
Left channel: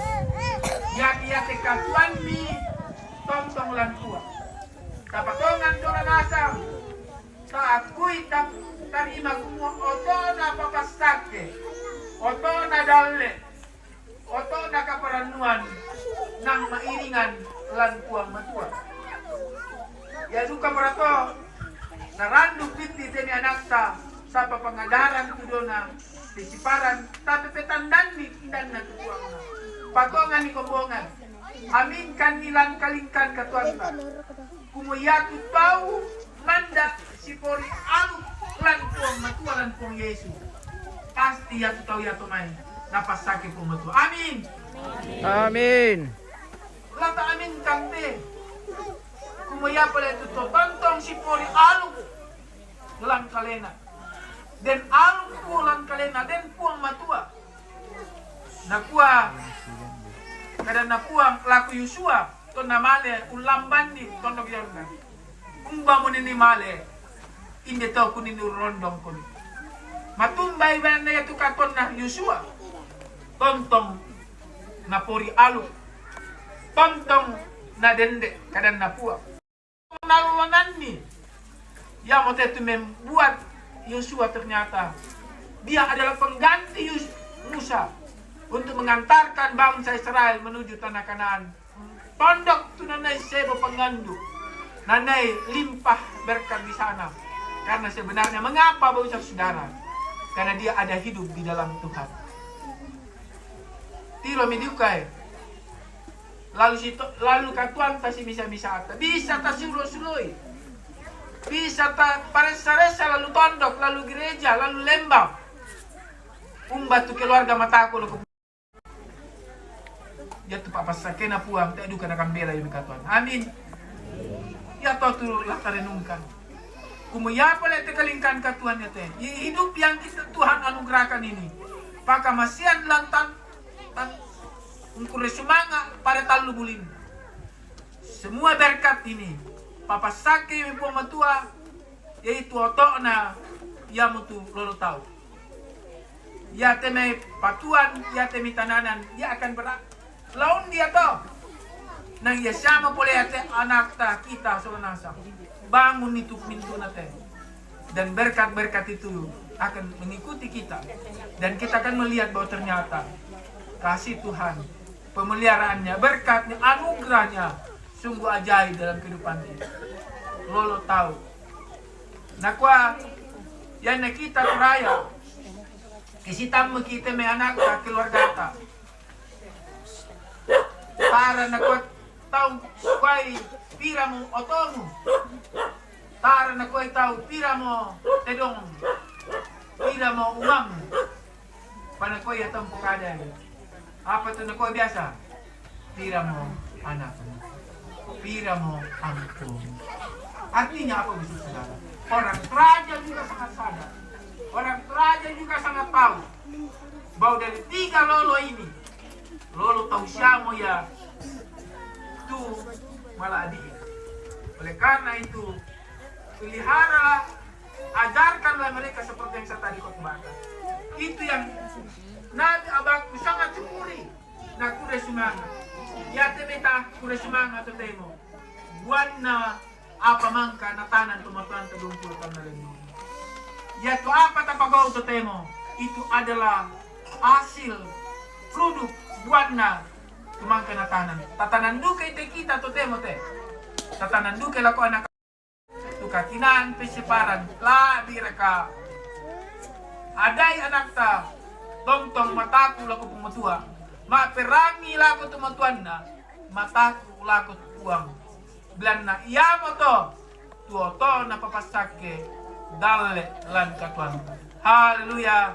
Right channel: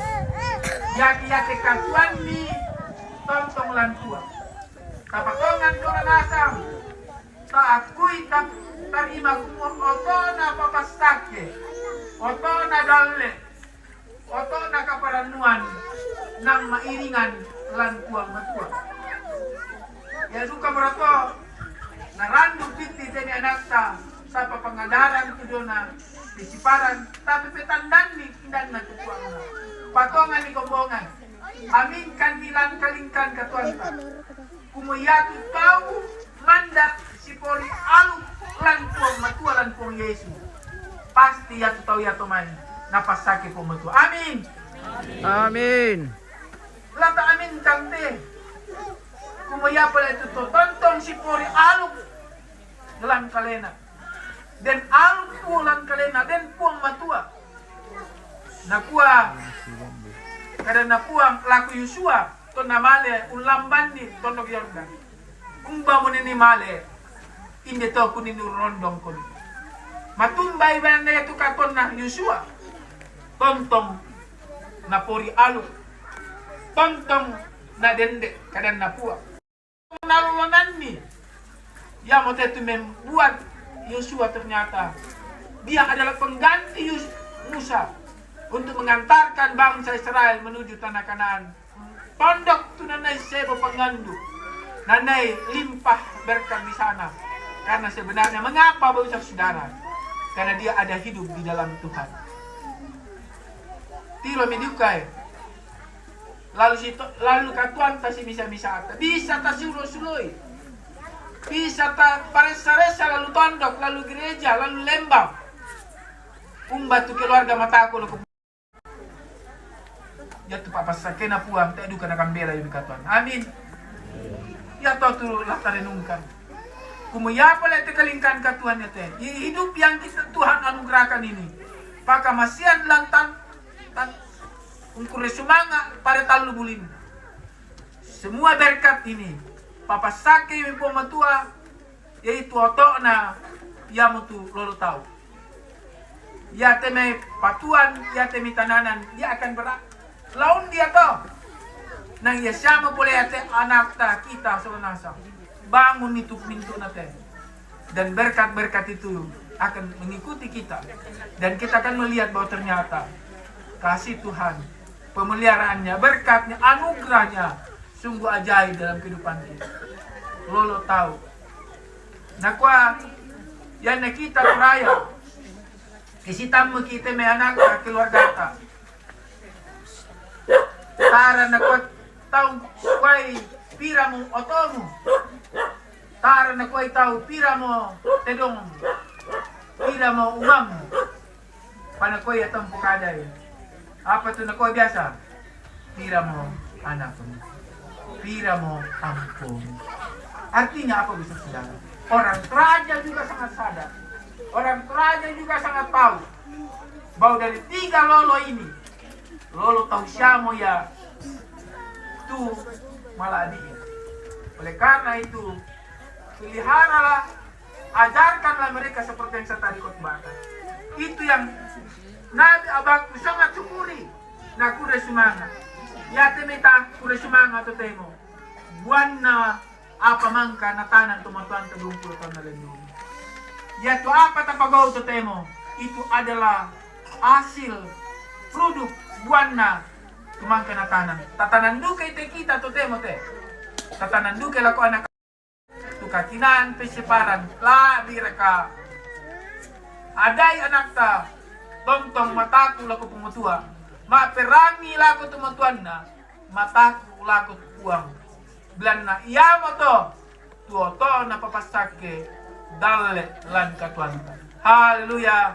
Yaki-yaki katuan ni tontong lantua. Tapatongan dola nasam. Taakui tarima kumong otona papastake. Otona dalle. Otona kaparanuan ng mairingan lan kuang matua. Ya duka barato. Narandong binti teni anakta sa papangadaran kudona disiparan tapi petandan ni indang na kuang na. Patongan ni kombongan. Amin kan nilan kalingkan katuan ka. Kumuyatu tau manda si pori alu lan puang matua lan puang Yesus. Pasti ya tu tahu ya teman napasake puang matua. Amin. Amin. Lata amin kante. Kumaya pala ito to. Tontong si pori alu lan kalena. Den alu puang lan kalena den puang matua. Nakuha kada nakuha laku Yosua to na male ulamban di tondok Yordan. Umba mo ni male inde to kunin rondong kun. Matumbay ba na ito katon na Yosua. Tontong na pori alu. Tontong na dende kadan na puak. Nalulanan ni. Ya mau itu membuat Yosua ternyata dia adalah pengganti Musa untuk mengantarkan bangsa Israel menuju tanah Kanaan. Pondok tu nanai sebo pengandu. Nanai limpah berkat di sana. Karena sebenarnya mengapa Bapak Saudara? Karena dia ada hidup di dalam Tuhan. Tiro mediukai. Lalu katuan ta si misa-misa ata. Bisa ta sulo-suloi. Bisa ta paresa-resa lalu tondok, lalu gereja, lalu lembang. Umba tu keluarga mataku lo. Ya tu papa sakena puang tak edukan akan bela yung katuan. Amin. Ya to tu lakta renungkan. Kumuyapa le te kalingkan katuan ya te. Hidup yang kita Tuhan anugerahkan ini. Paka masian lantan ungkure sumanga pada talu bulin. Semua berkat ini papa sake mi matua yaitu otok na ya mutu lolo tahu. Ya teme patuan, ya teme tananan, dia akan berat. Laun dia to. Nang ya sama boleh ate anak ta kita sonasa. Bangun itu pintu nate. Dan berkat-berkat itu akan mengikuti kita. Dan kita akan melihat bahwa ternyata kasih Tuhan, pemeliharaannya, berkatnya, anugerahnya sungguh ajaib dalam kehidupan kita. Lolo tahu. Nakwa yan kita raya. Kisitang mo kita may anak ka keluarga ta. Tara nakwa tahu kway pira mo otomo. Tara nakwa tahu pira mo tedong. Pira mo umam. Panakoy atong pukaday. Apa tu nakwa biasa? Pira mo anak mo. Pira mo ampo. Artinya apa bisa saudara? Orang raja juga sangat sadar. Orang raja juga sangat tahu bahwa dari 3 lolo ini, lolo tahu siamo ya tu malah dia. Oleh karena itu, peliharalah, ajarkanlah mereka seperti yang saya tadi katakan. Itu yang Nabi abang sangat syukuri. Nah, kuda semangat. Ya temeta kuda semangat atau temo. Buana apa mangka natanan tumatuan kebumpul karena lebih. Yaitu apa tapagaw to temo? Itu adalah hasil produk buana tumangka natanan. Tatanan duka ite kita to temo te. Tatanan duka lako anak tukakinan pesiparan la direka. Aday anak ta tongtong mataku lako pumutua. Maperangi lako tumatuan na mataku lako uang. Bilan na iya mo to tuoto na papasake dale lan katuan. Haleluya.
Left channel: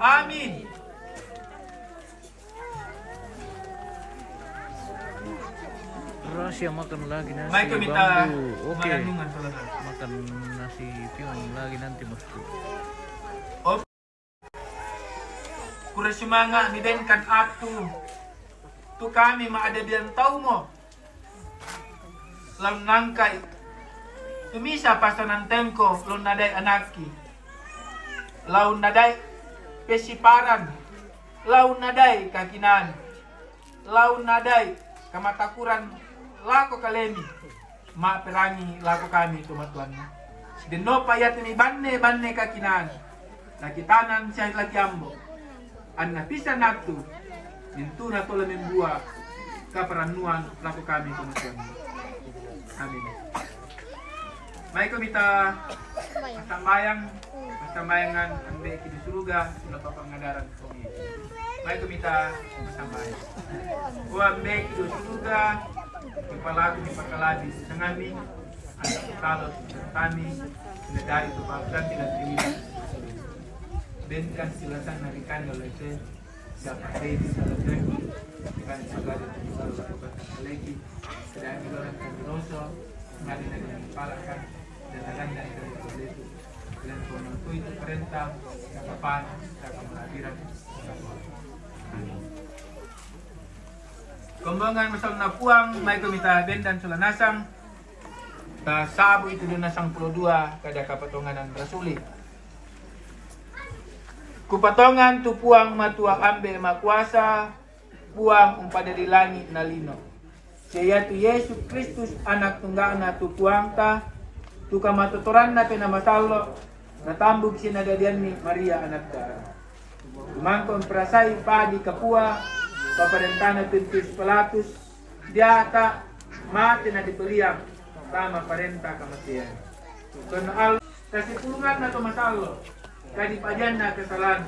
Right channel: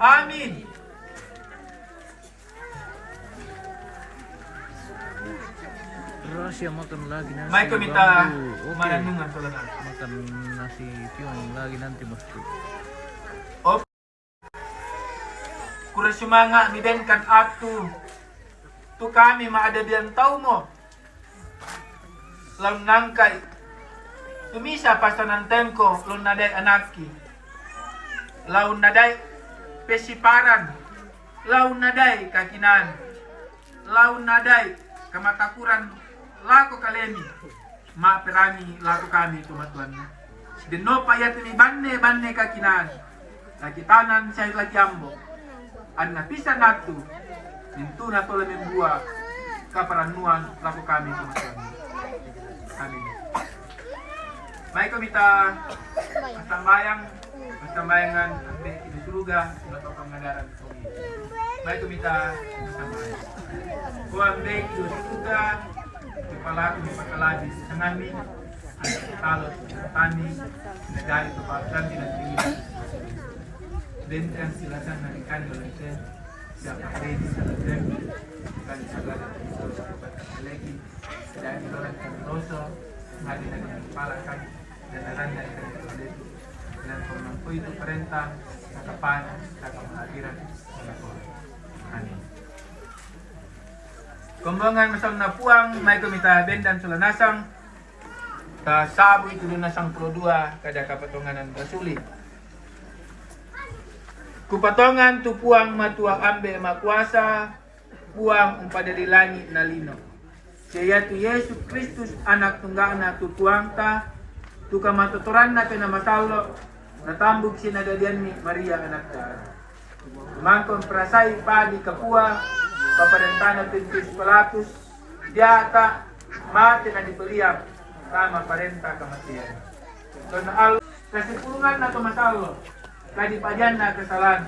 Amin. Rahasia makan lagi nasi Mai kami minta bambu. Oke. marenungan saudara. Makan nasi pion lagi nanti bosku. Kura semangat mibenkan atu. Tu kami maada biang tau mo. Laun nangkai. Tumisa pasanan tengko laun nadai anaki. Laun nadai pesiparan. Laun nadai kakinan. Laun nadai kamatakuran lako kalemi. Ma perangi lako kami tumatuan. Deno payat mi banne kakinan. Nakitanan siya lagi ambo. An napisa natu. Nintu na tole membuat kaparanuan lako kami tumatuan. Amin. May kumita masambayangan ang beki di surga sudah papangadaran ko. May kumita masambayan. Kuang beki di surga kepala di pakalabis kami kalau kami nedai itu pasang tidak tinggi. Dan yang silakan narikan oleh siapa ini silakan bukan segala lagi dan orang kamiroso hari dengan kepala kan dan aran dari itu dan pemangku itu perintah kapan kita kehadiran. Amin. Kembangan masang na puang na kumita bendan sula nasang. Ka sabu itu do nasang 2 kada kapatonganan rasuli. Kupatongan tu puang matua ambe makuasa puang umpada di langit na lino. Siya tu Yesus Kristus anak tunggal na tu puang ta tu kamatuturan na pinamatalo natambog sinagadian ni Maria anak ta. Mangkong prasai padi kapua paparentana Pintus Pilatus dia tak mati na dipeliam kama parenta kematian. Kun al kasipulungan na tumatalo kadipajan na kesalahan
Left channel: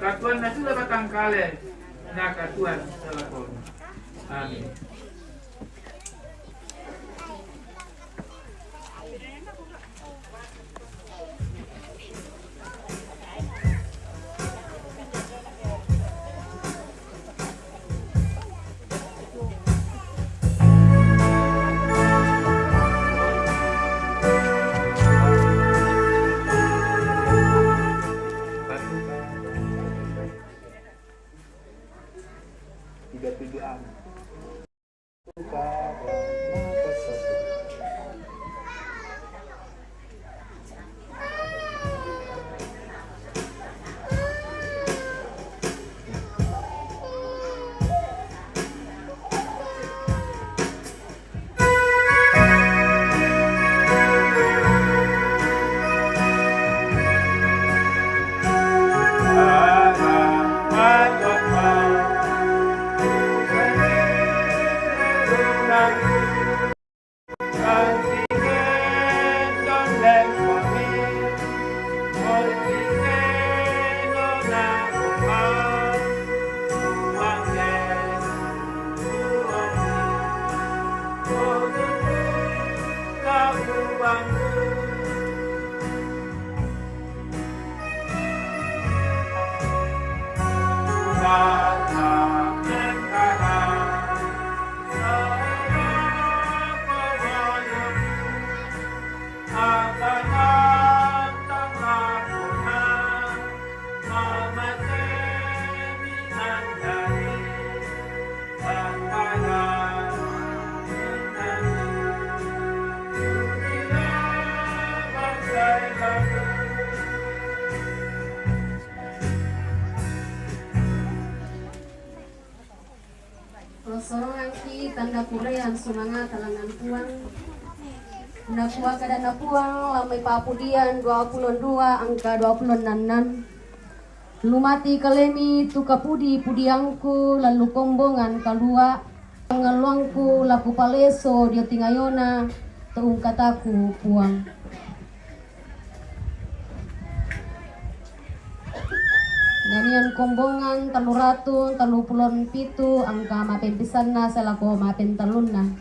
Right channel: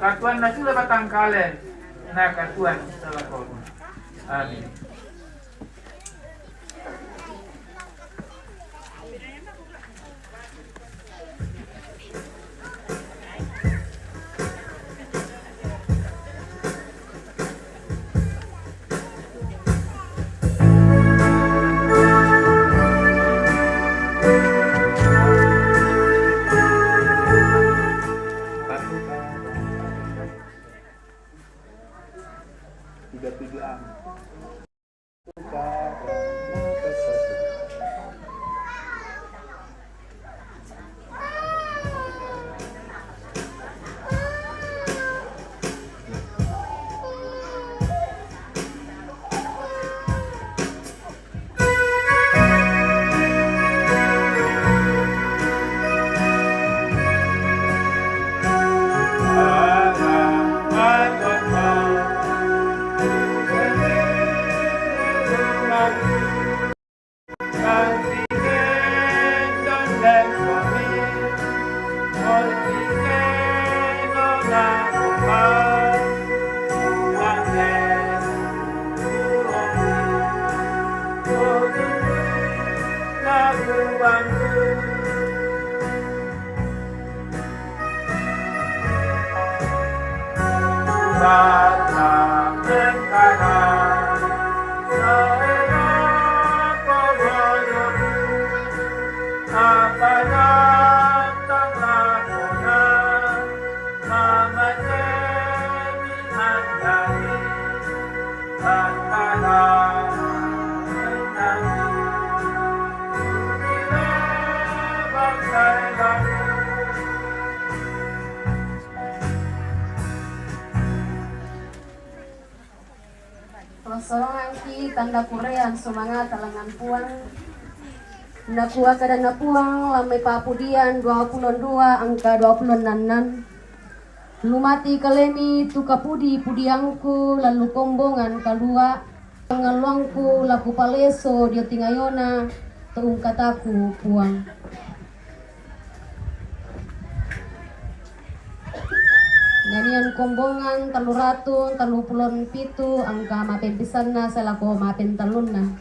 katuan na sila batang kalen na katuan salakon. Amin. Sorongan ki tanda kurean semangat talangan puang napua kada napuang lamai papudian 22 angka 26 lumati kalemi tu kapudi pudiangku lalu kombongan kalua pangaluangku laku paleso dia tingayona tuung kataku puang. Nanian kombongan 337 angka mapen pisanna selaku mapen talunna.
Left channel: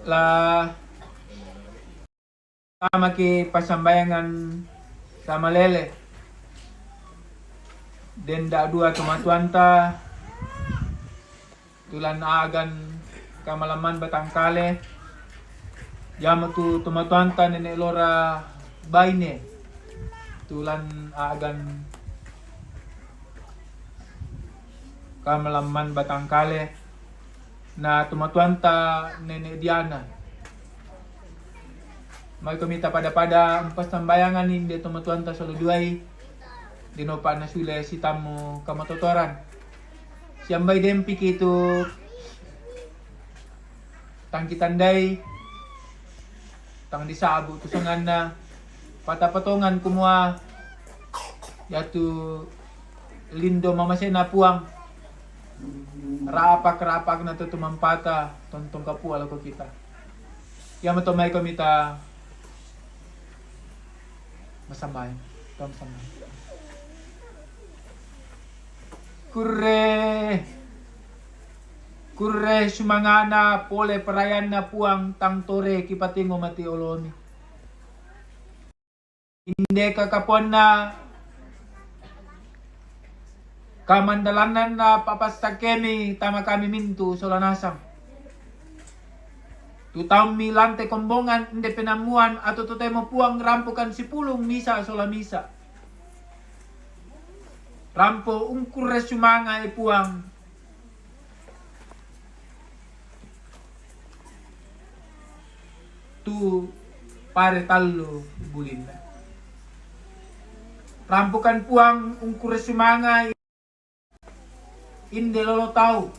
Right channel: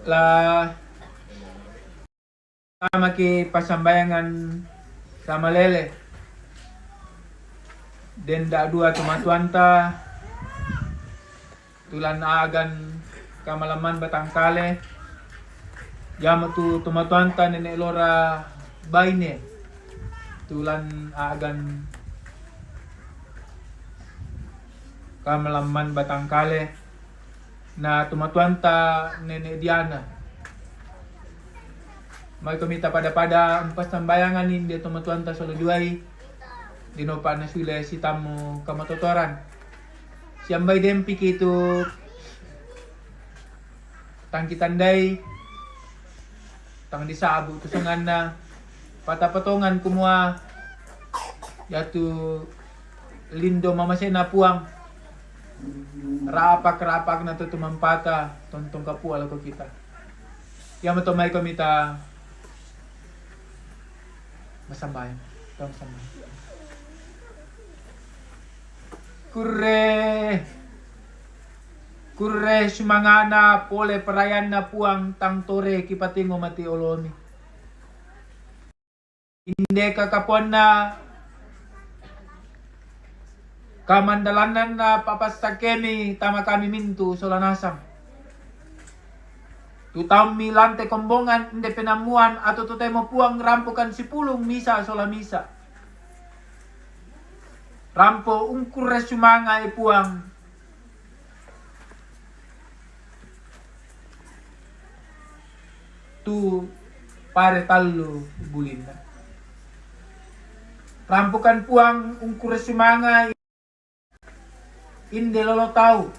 lah sama ki pasambayangan sama lele den da dua tumatuanta tulan agan kamalaman batangkale yama tu tumatuanta nene lora baine tulan agan kamalaman batangkale na tumatuanta nene Diana. May kumita pada empas sambayangan hindi tumatuanta sa luduay. Dinopa na sila si tamo kamatotoran. Siyambay dempi kito tangkitanday tang disabo tusangan na patapatongan kumua yatu lindo mamasay na puang rapak na to tumampata tontong kapuala ko kita. Yama to may kumita masambay. Tong sambay. Kurre sumangana pole perayan na puang tangtore kipatingo mati oloni. Inde kakapon na kamandalanan na papastakemi tama kami mintu solanasam. Tutang milante kombongan inde penamuan atau tutay mo puang rampukan si pulong misa sola misa. Rampo ungkur sumanga puang. Tu pare talo bulinda. Rampukan puang ungkur sumanga inde lolo tau.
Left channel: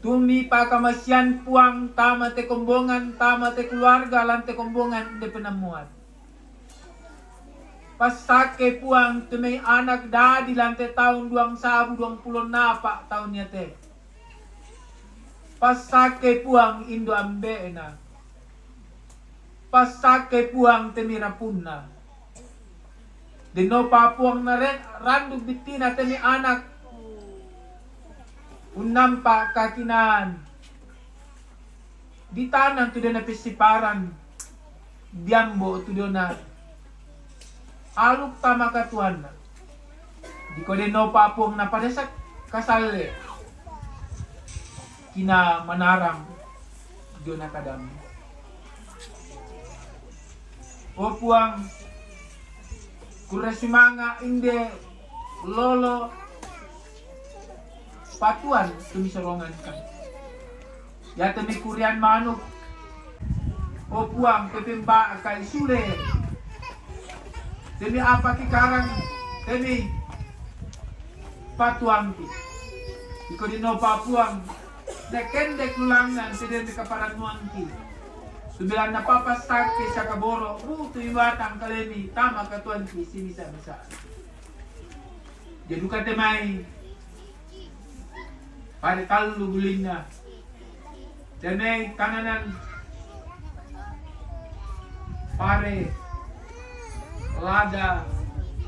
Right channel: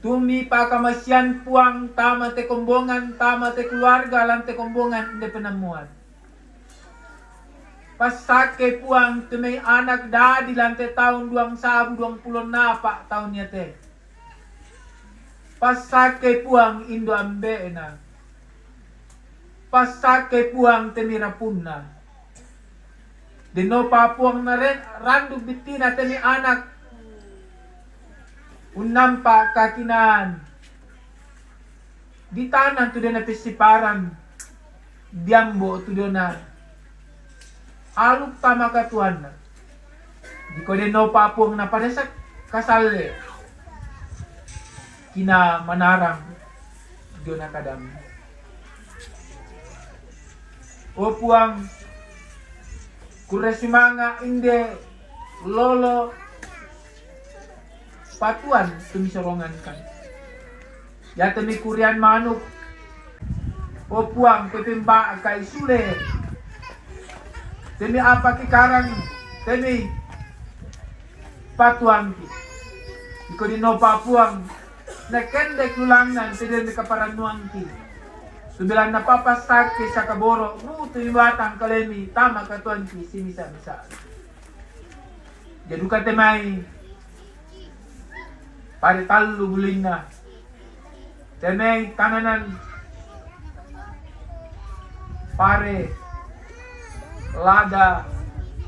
Tumi pakamasian puang tama te kombongan, tama te keluarga lan te kombongan de penemuan. Pasake puang tumay anak dadi lan te tahun 2020 napa tahunnya te. Pasake puang indo ambe na. Pasake puang temirapun na. Dino pa puang na rin, randu bitina temi anak unampa kakinan di tanan tu na pisiparan biambo tu na aluk tama katuan di ko no papong na paresak kasale kina manaram do na kadam o puang kuresimanga inde lolo patuan tumisolongan kan. Ya temi kurian manuk. O puang pepemba kay sule. Temi apa ki karang temi patuang ki. Iko dino papuang na kendek lulangan tede kaparanuang ki. Subilan na papasake sa kaboro, ruto iwatang kalemi tama katuan ki simisa-misa. Jadi kate may pare talu buling na. Teneng kananan pare lada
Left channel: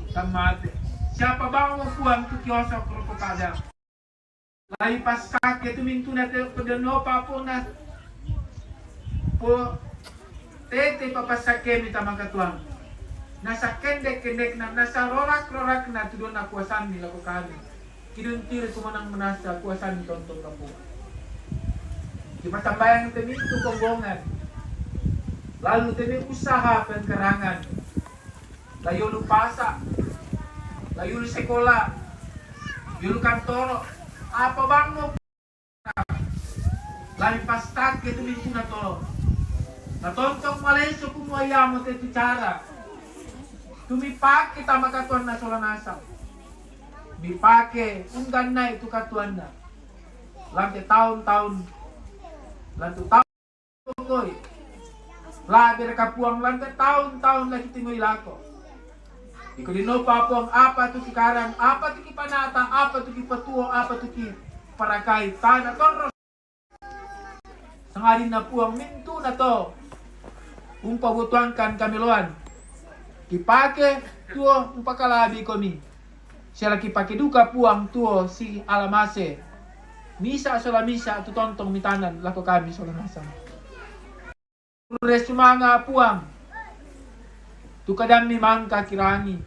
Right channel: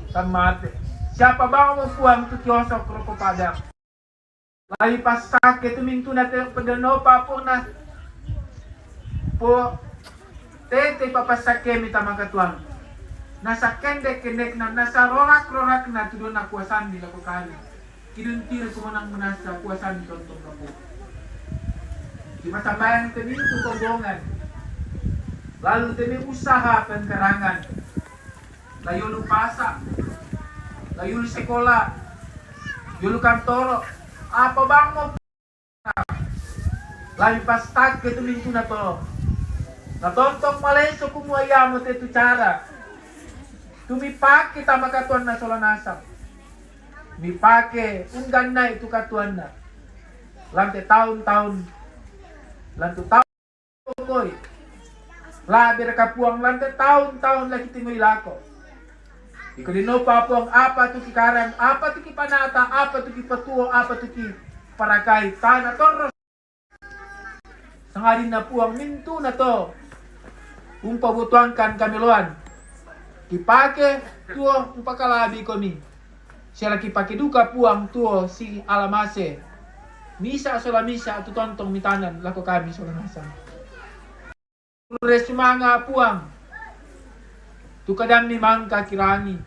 tamate. Siapa bang mo puang tu kiosok roko padang. Lagi pas sakit tu mintu na te pedeno papo na po tete papasake mi tamakatuan. Nasa kendek na nasa rorak na tudon na kuasan nila ko kali. Kiduntir kumanang menasa kuasan tonton kapo. Di masambayan demi itu kombongan. Lalu demi usaha penggerangan. Lalu lu pasak. Lalu lu sekolah. Lalu kantor. Apa bang mo? Lalu pas tag itu minggu na to. Natontok maleso kumuaya mo tetu cara. Tumipak kita makatuan na solanasam. Dipake unggan na itu katuan na. Lantai tahun-tahun. Lantai tahun koy. Labi kapuang lantai tahun-tahun lagi tingoy lako. Iko dino papuang apa tu kikarang, apa tu kipanata, apa tu kipatuo, apa tu ki parakay. Tana tonros. Sangarin na puang mintu na to. Umpabutuan kan kamiluan. Kipake tuo upakalabi komi. Siya lagi pakai duka puang tuo si alamase. Misa sola misa tu tontong mitanan lako kami sola nasang. Resumanga puang. Tu kadami mangka kirangi.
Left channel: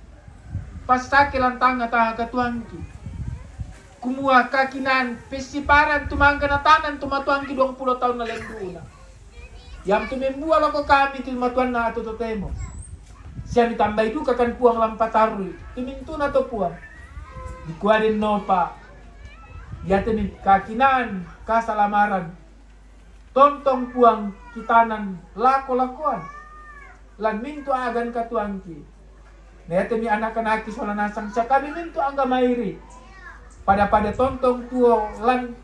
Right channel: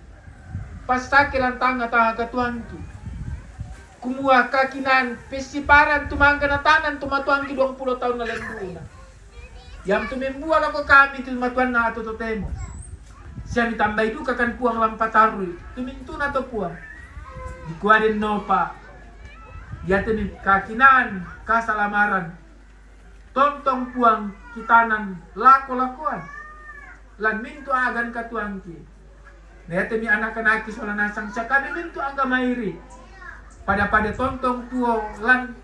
Pasake lantang tanga katuangki. Kumua kakinan pesiparan tumangga na tanan tumatuangki 20 tahun na lenduna. Yang tumembua lako kami tumatuan na ato totemo. Siya mitambay duka kan puang lampatarui. Tumintu na to puang. Dikuadin no pa. Yate mi kakinan kasalamaran. Tontong puang kitanan lako-lakoan. Lan mintu agan katuangki. Nete mi anak-anaki sola nasang siya kami mintu angga mairi. Pada tontong tuo lan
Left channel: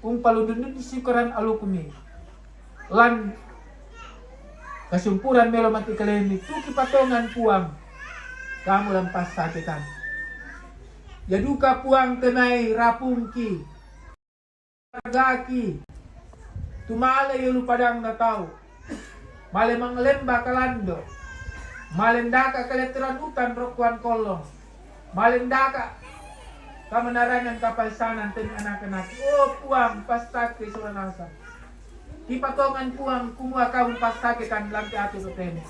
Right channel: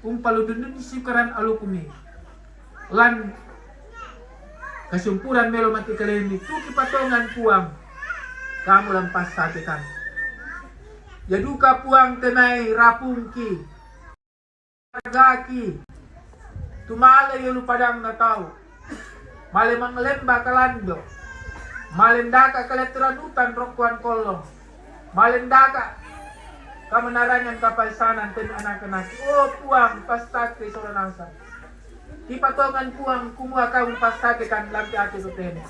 paludun disikaran alukumi. Lan kasumpuran melo mati kalemi tu kipatongan puang. Kamu lampas sakitan. Yaduka puang temai rapungki. Gaki. Tumala yulu padang na tau. Male manglemba kalando. Malendaka kaleteran hutan rokuan kolong. Malendaka kamanarangan kapaisanan ten anak-anak. Oh puang pastake sola nasa. Kipatongan puang kumua kamu pastake kan lampi ate soten.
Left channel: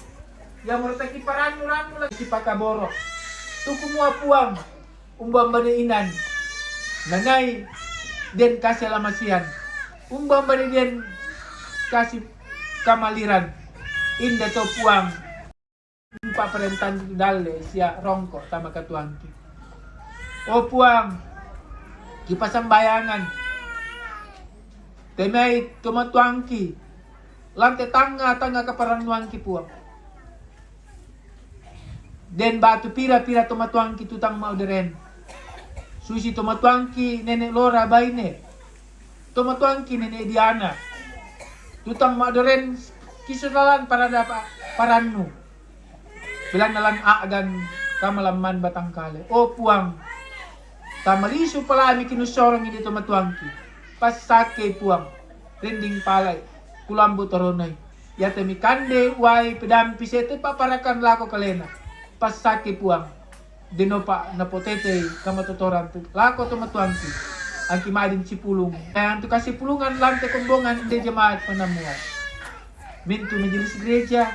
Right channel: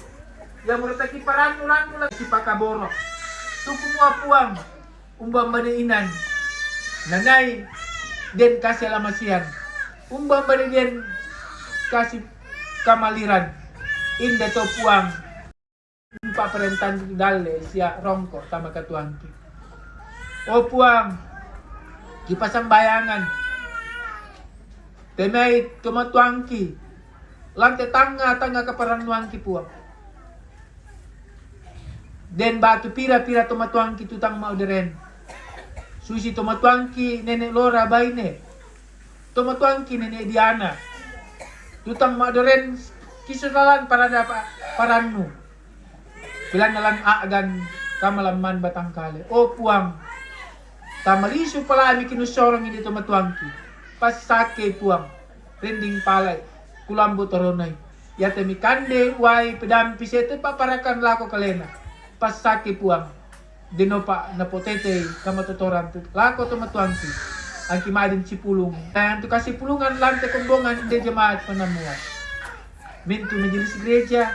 Ya murta kiparan lang si pakaboro. Tu kumua puang umbang baneinan. Nanay den kasih lamasian. Umbang den kasih kamaliran. Inda to puang empat perentan dale siya rongko tama katuangki. O puang kipasang bayangan temay tumatuangki lante tanga kaparanuangki puang. Den batu pira-pira tumatuangki tutang mauderen. Susi tumatuangki nenek Lora baine. Tumatuangki nenek Diana. Tutang mauderen kisuralan para dapat parannu. Bilang nalan agan kamalaman batang kale. O puang. Tamalisu pala ami kinusorong hindi tumatuangki. Pasake puang. Rending palay. Kulambo toronay. Yate mi kande way pedampi sete paparakan lako kalena. Pasake puang. Dinopa na potete kamatutoran. Lako tumatuangki. Ang kimadin si pulong. Ayan tu kasi pulungan lante kumbongan hindi jamaat panamuan. Mintu majelis gereja.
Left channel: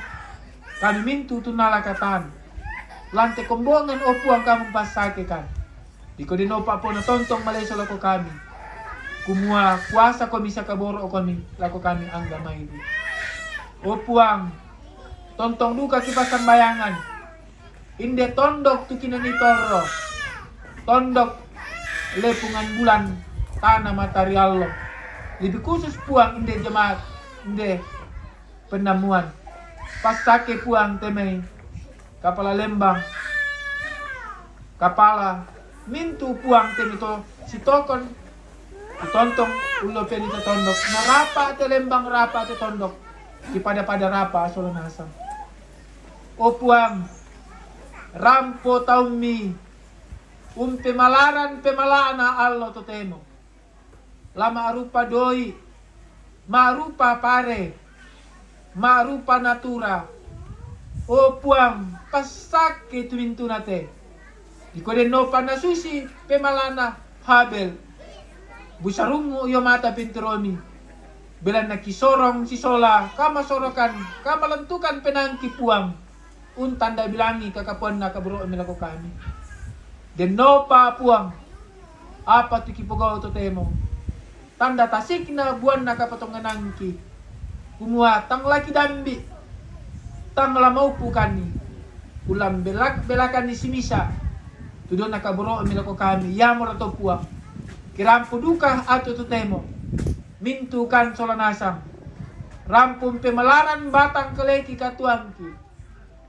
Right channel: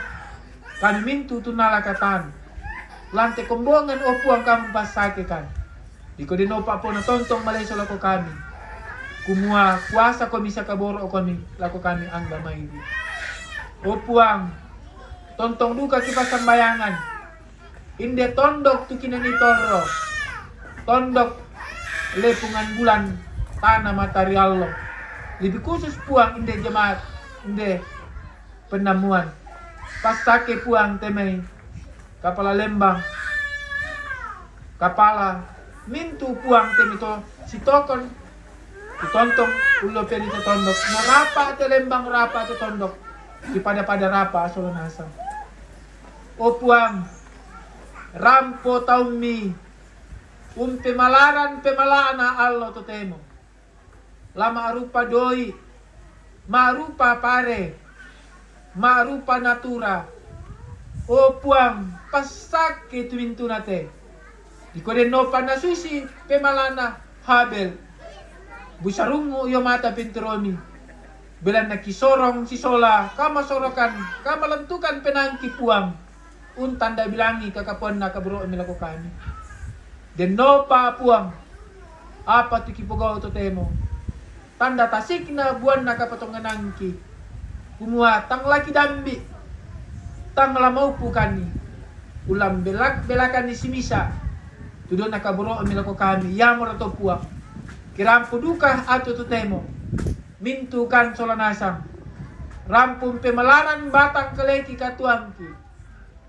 Kami mintu tunalakatan. Lante kombongan o puang kami pasake kan. Di ko dinopa po na tontong malay so lako kami. Kumua kuasa ko misa kaboro o kami. Lako kami ang damay di. O puang. Tontong duka kipasang bayangan. Inde tondok tu kinanitoro. Tondok lepungan bulan. Tanah material lo. Lebih khusus puang inde jemaat. Inde penamuan. Pasake puang temay. Kapala lembang. Kapala. Mintu puang temito. Si tokon. Itontong ulo perito tondok. Narapa ate lembang rapa ate tondok. Di pada rapa asolo nasang. O puang. Rampo taumi. Pemalaan na allo totemo. Lama arupa doi. Marupa pare. Marupa natura. O puang, pasake tumintu nate. Di ko den no panasusi pemalana habel. Busarungo yo mata pinturomi. Bilan nakisorong si sola, kamasorokan, kamalantukan penangki puang. Untanda bilangi kakapuan na kaburo milako kami. Den no pa puang. Apa tu kipugaw to temo. Tanda tasik na buwan na kapatonganangki. Kumua tang laki dambi. Tang lamau pukani. Ulam belakan ni simisa. Tudo nakaburo milako kami. Yamor ato puang. Kirampo duka ato tutemo. Mintukan solanasang. Rampung pemalaran batang kaleki katuangki.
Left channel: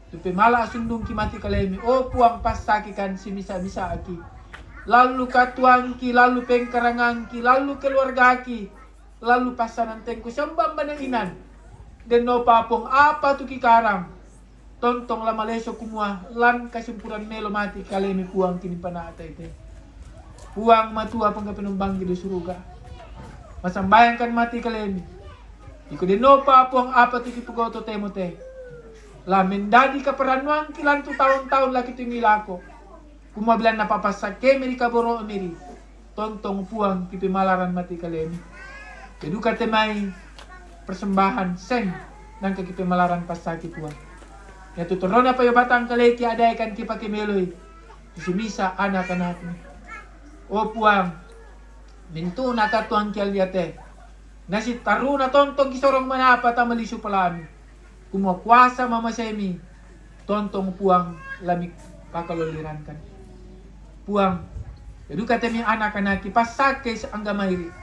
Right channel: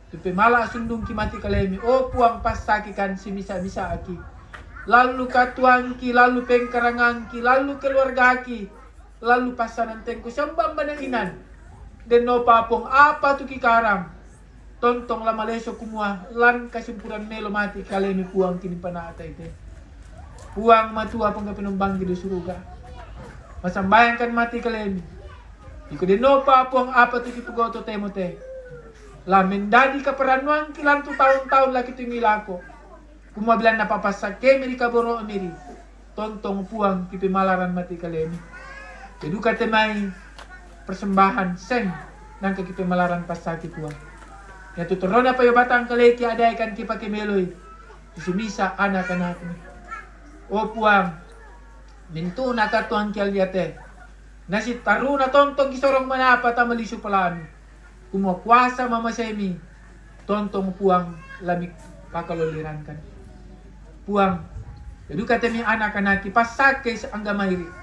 Tu pemala sundung ki mati kalemi. O puang pasaki kan simisa-misa aki. Lalu katuangki, lalu pengkarangangki, lalu keluargaki. Lalu pasanan tengku sembang banainan. Den no papong apa tu kikarang. Tontong lamaleso kumua lan kasimpuran melo mati kalemi puang kini panata ite. Puang matua pang penumbang di suruga. Masambayangkan mati kalemi. Iko den no papong apa tu kipugoto temote. Lamin dadi kaparanuan kilan tu tahun-tahun lagi tinggi lako. Kumua bilang napapasak ke miri kaboro miri. tontong puang kipi malaran mati kalemi. Keduka temai persembahan seng nang kipi malaran pasaki puang. Ya tuturona pa batang kaleki ada ikan kipa kimeloy. Isimisa anak-anak ni. O puang, mintu nakatuang kial yate. Nasi taruna tontong kisorong manapa tamalisu palami. Kumakuasa mama semi. Tontong puang lamik pakaloliran kan. Puang, jadi kami anak-anak pasake sa anggamayri.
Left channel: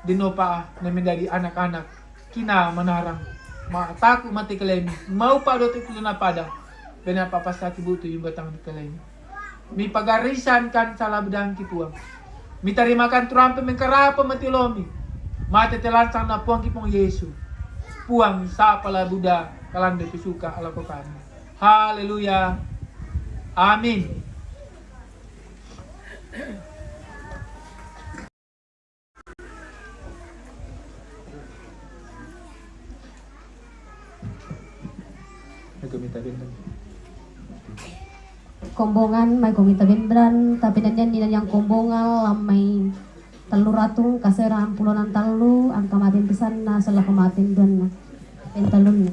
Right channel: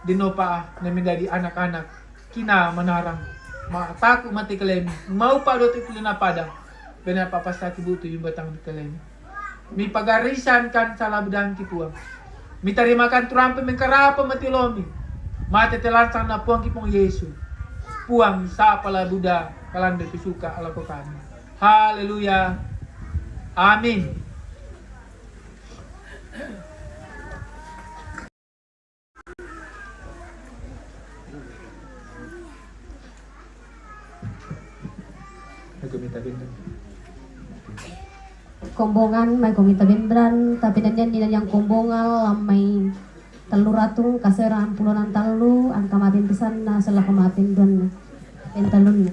Dinopa na menjadi anak-anak. Kina manarang. Mataku mati kalemi. Mau padot ikulo na padang. Pinapapasaki buto yung batang kalemi. Mi pagarisan kan sa labdang kipuang. Mi tarimakan turampe mengkarapa mati lomi. Mati telansang na puang kipong Yesu. Puang sa pala Buddha kalanda pisuka alakokan. Haleluya. Amin. Kombongan may kumita bendran tapi nanyan dinan yang kombongal may teluratung kaseraan puluhan talu ang kamatin pisan na salah kamatin doon na pentalun na.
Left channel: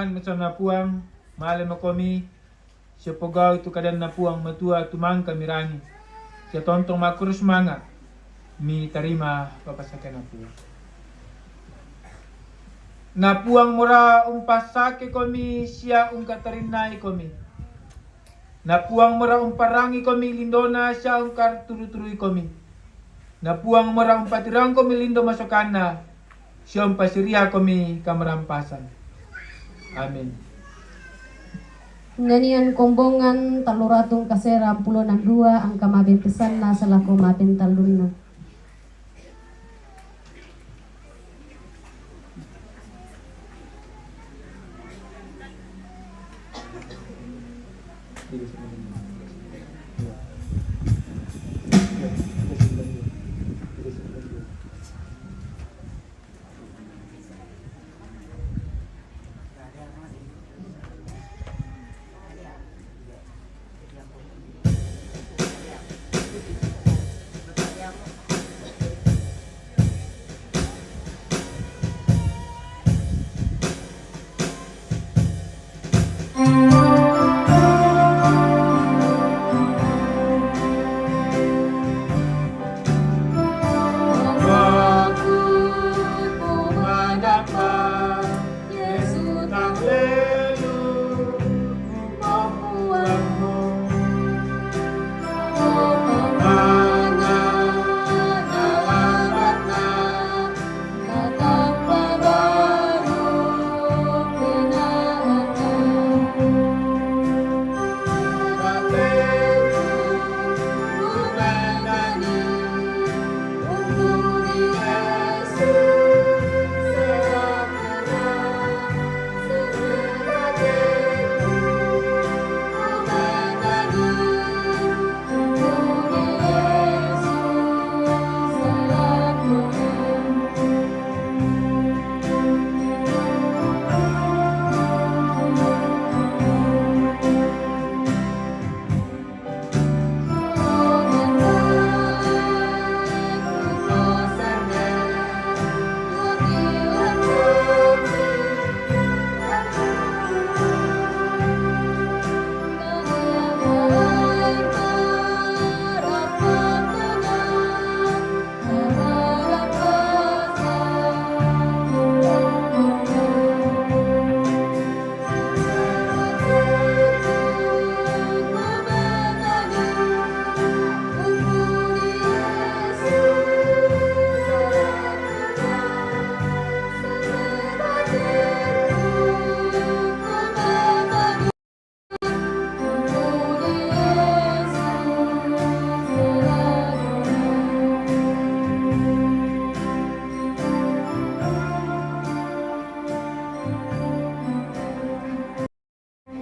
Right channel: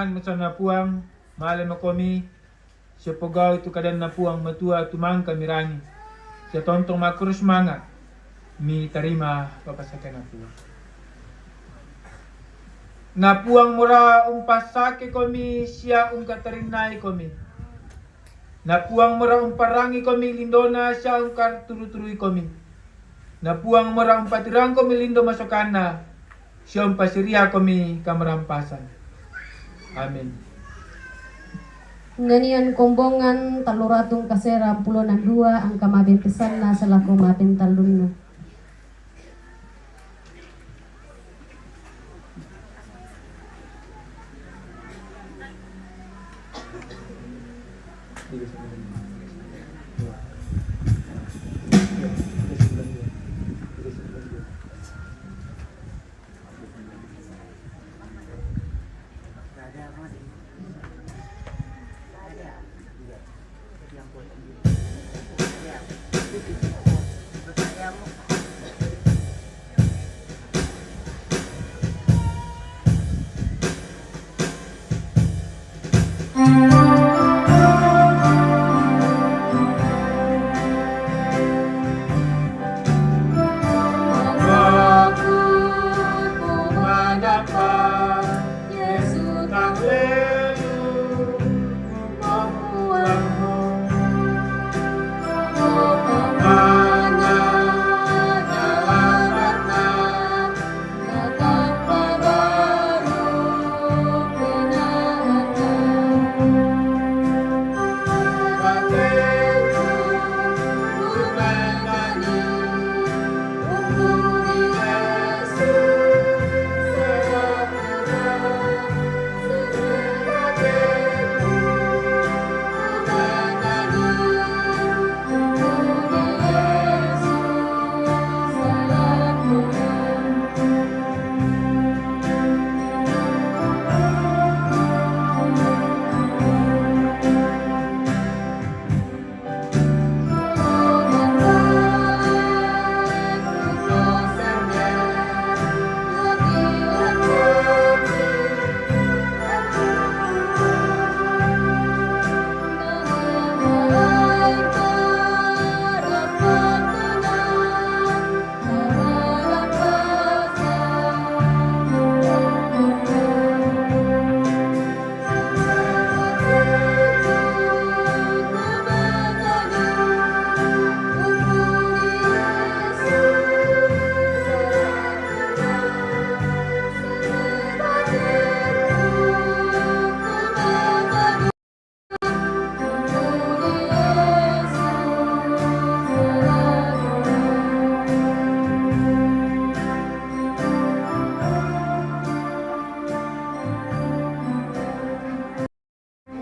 mangan masana puang male makomi siya pagaw itu kadan na puang matua tumang kamirangi siya tontong makurus mangat mi tarima papasakan na puang na puang mura umpasake komi siya katarinay komi na puang mura umparangi komi lindona siya karturu-turui komi na puang mura umpatirang komi lindo masukana siya umpasiriha komi kamerampasan. Amin. Nganian kombongan taluratong kasera 62 ang kamabipisan na selaku mapintalun na.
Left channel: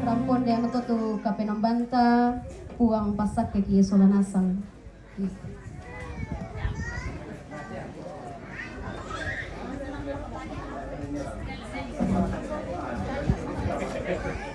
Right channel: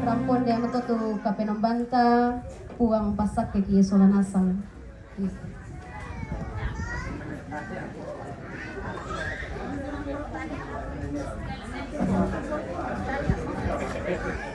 Rampon dia matutu kapenambanta puang pasak ke kia solanasang. Thank you.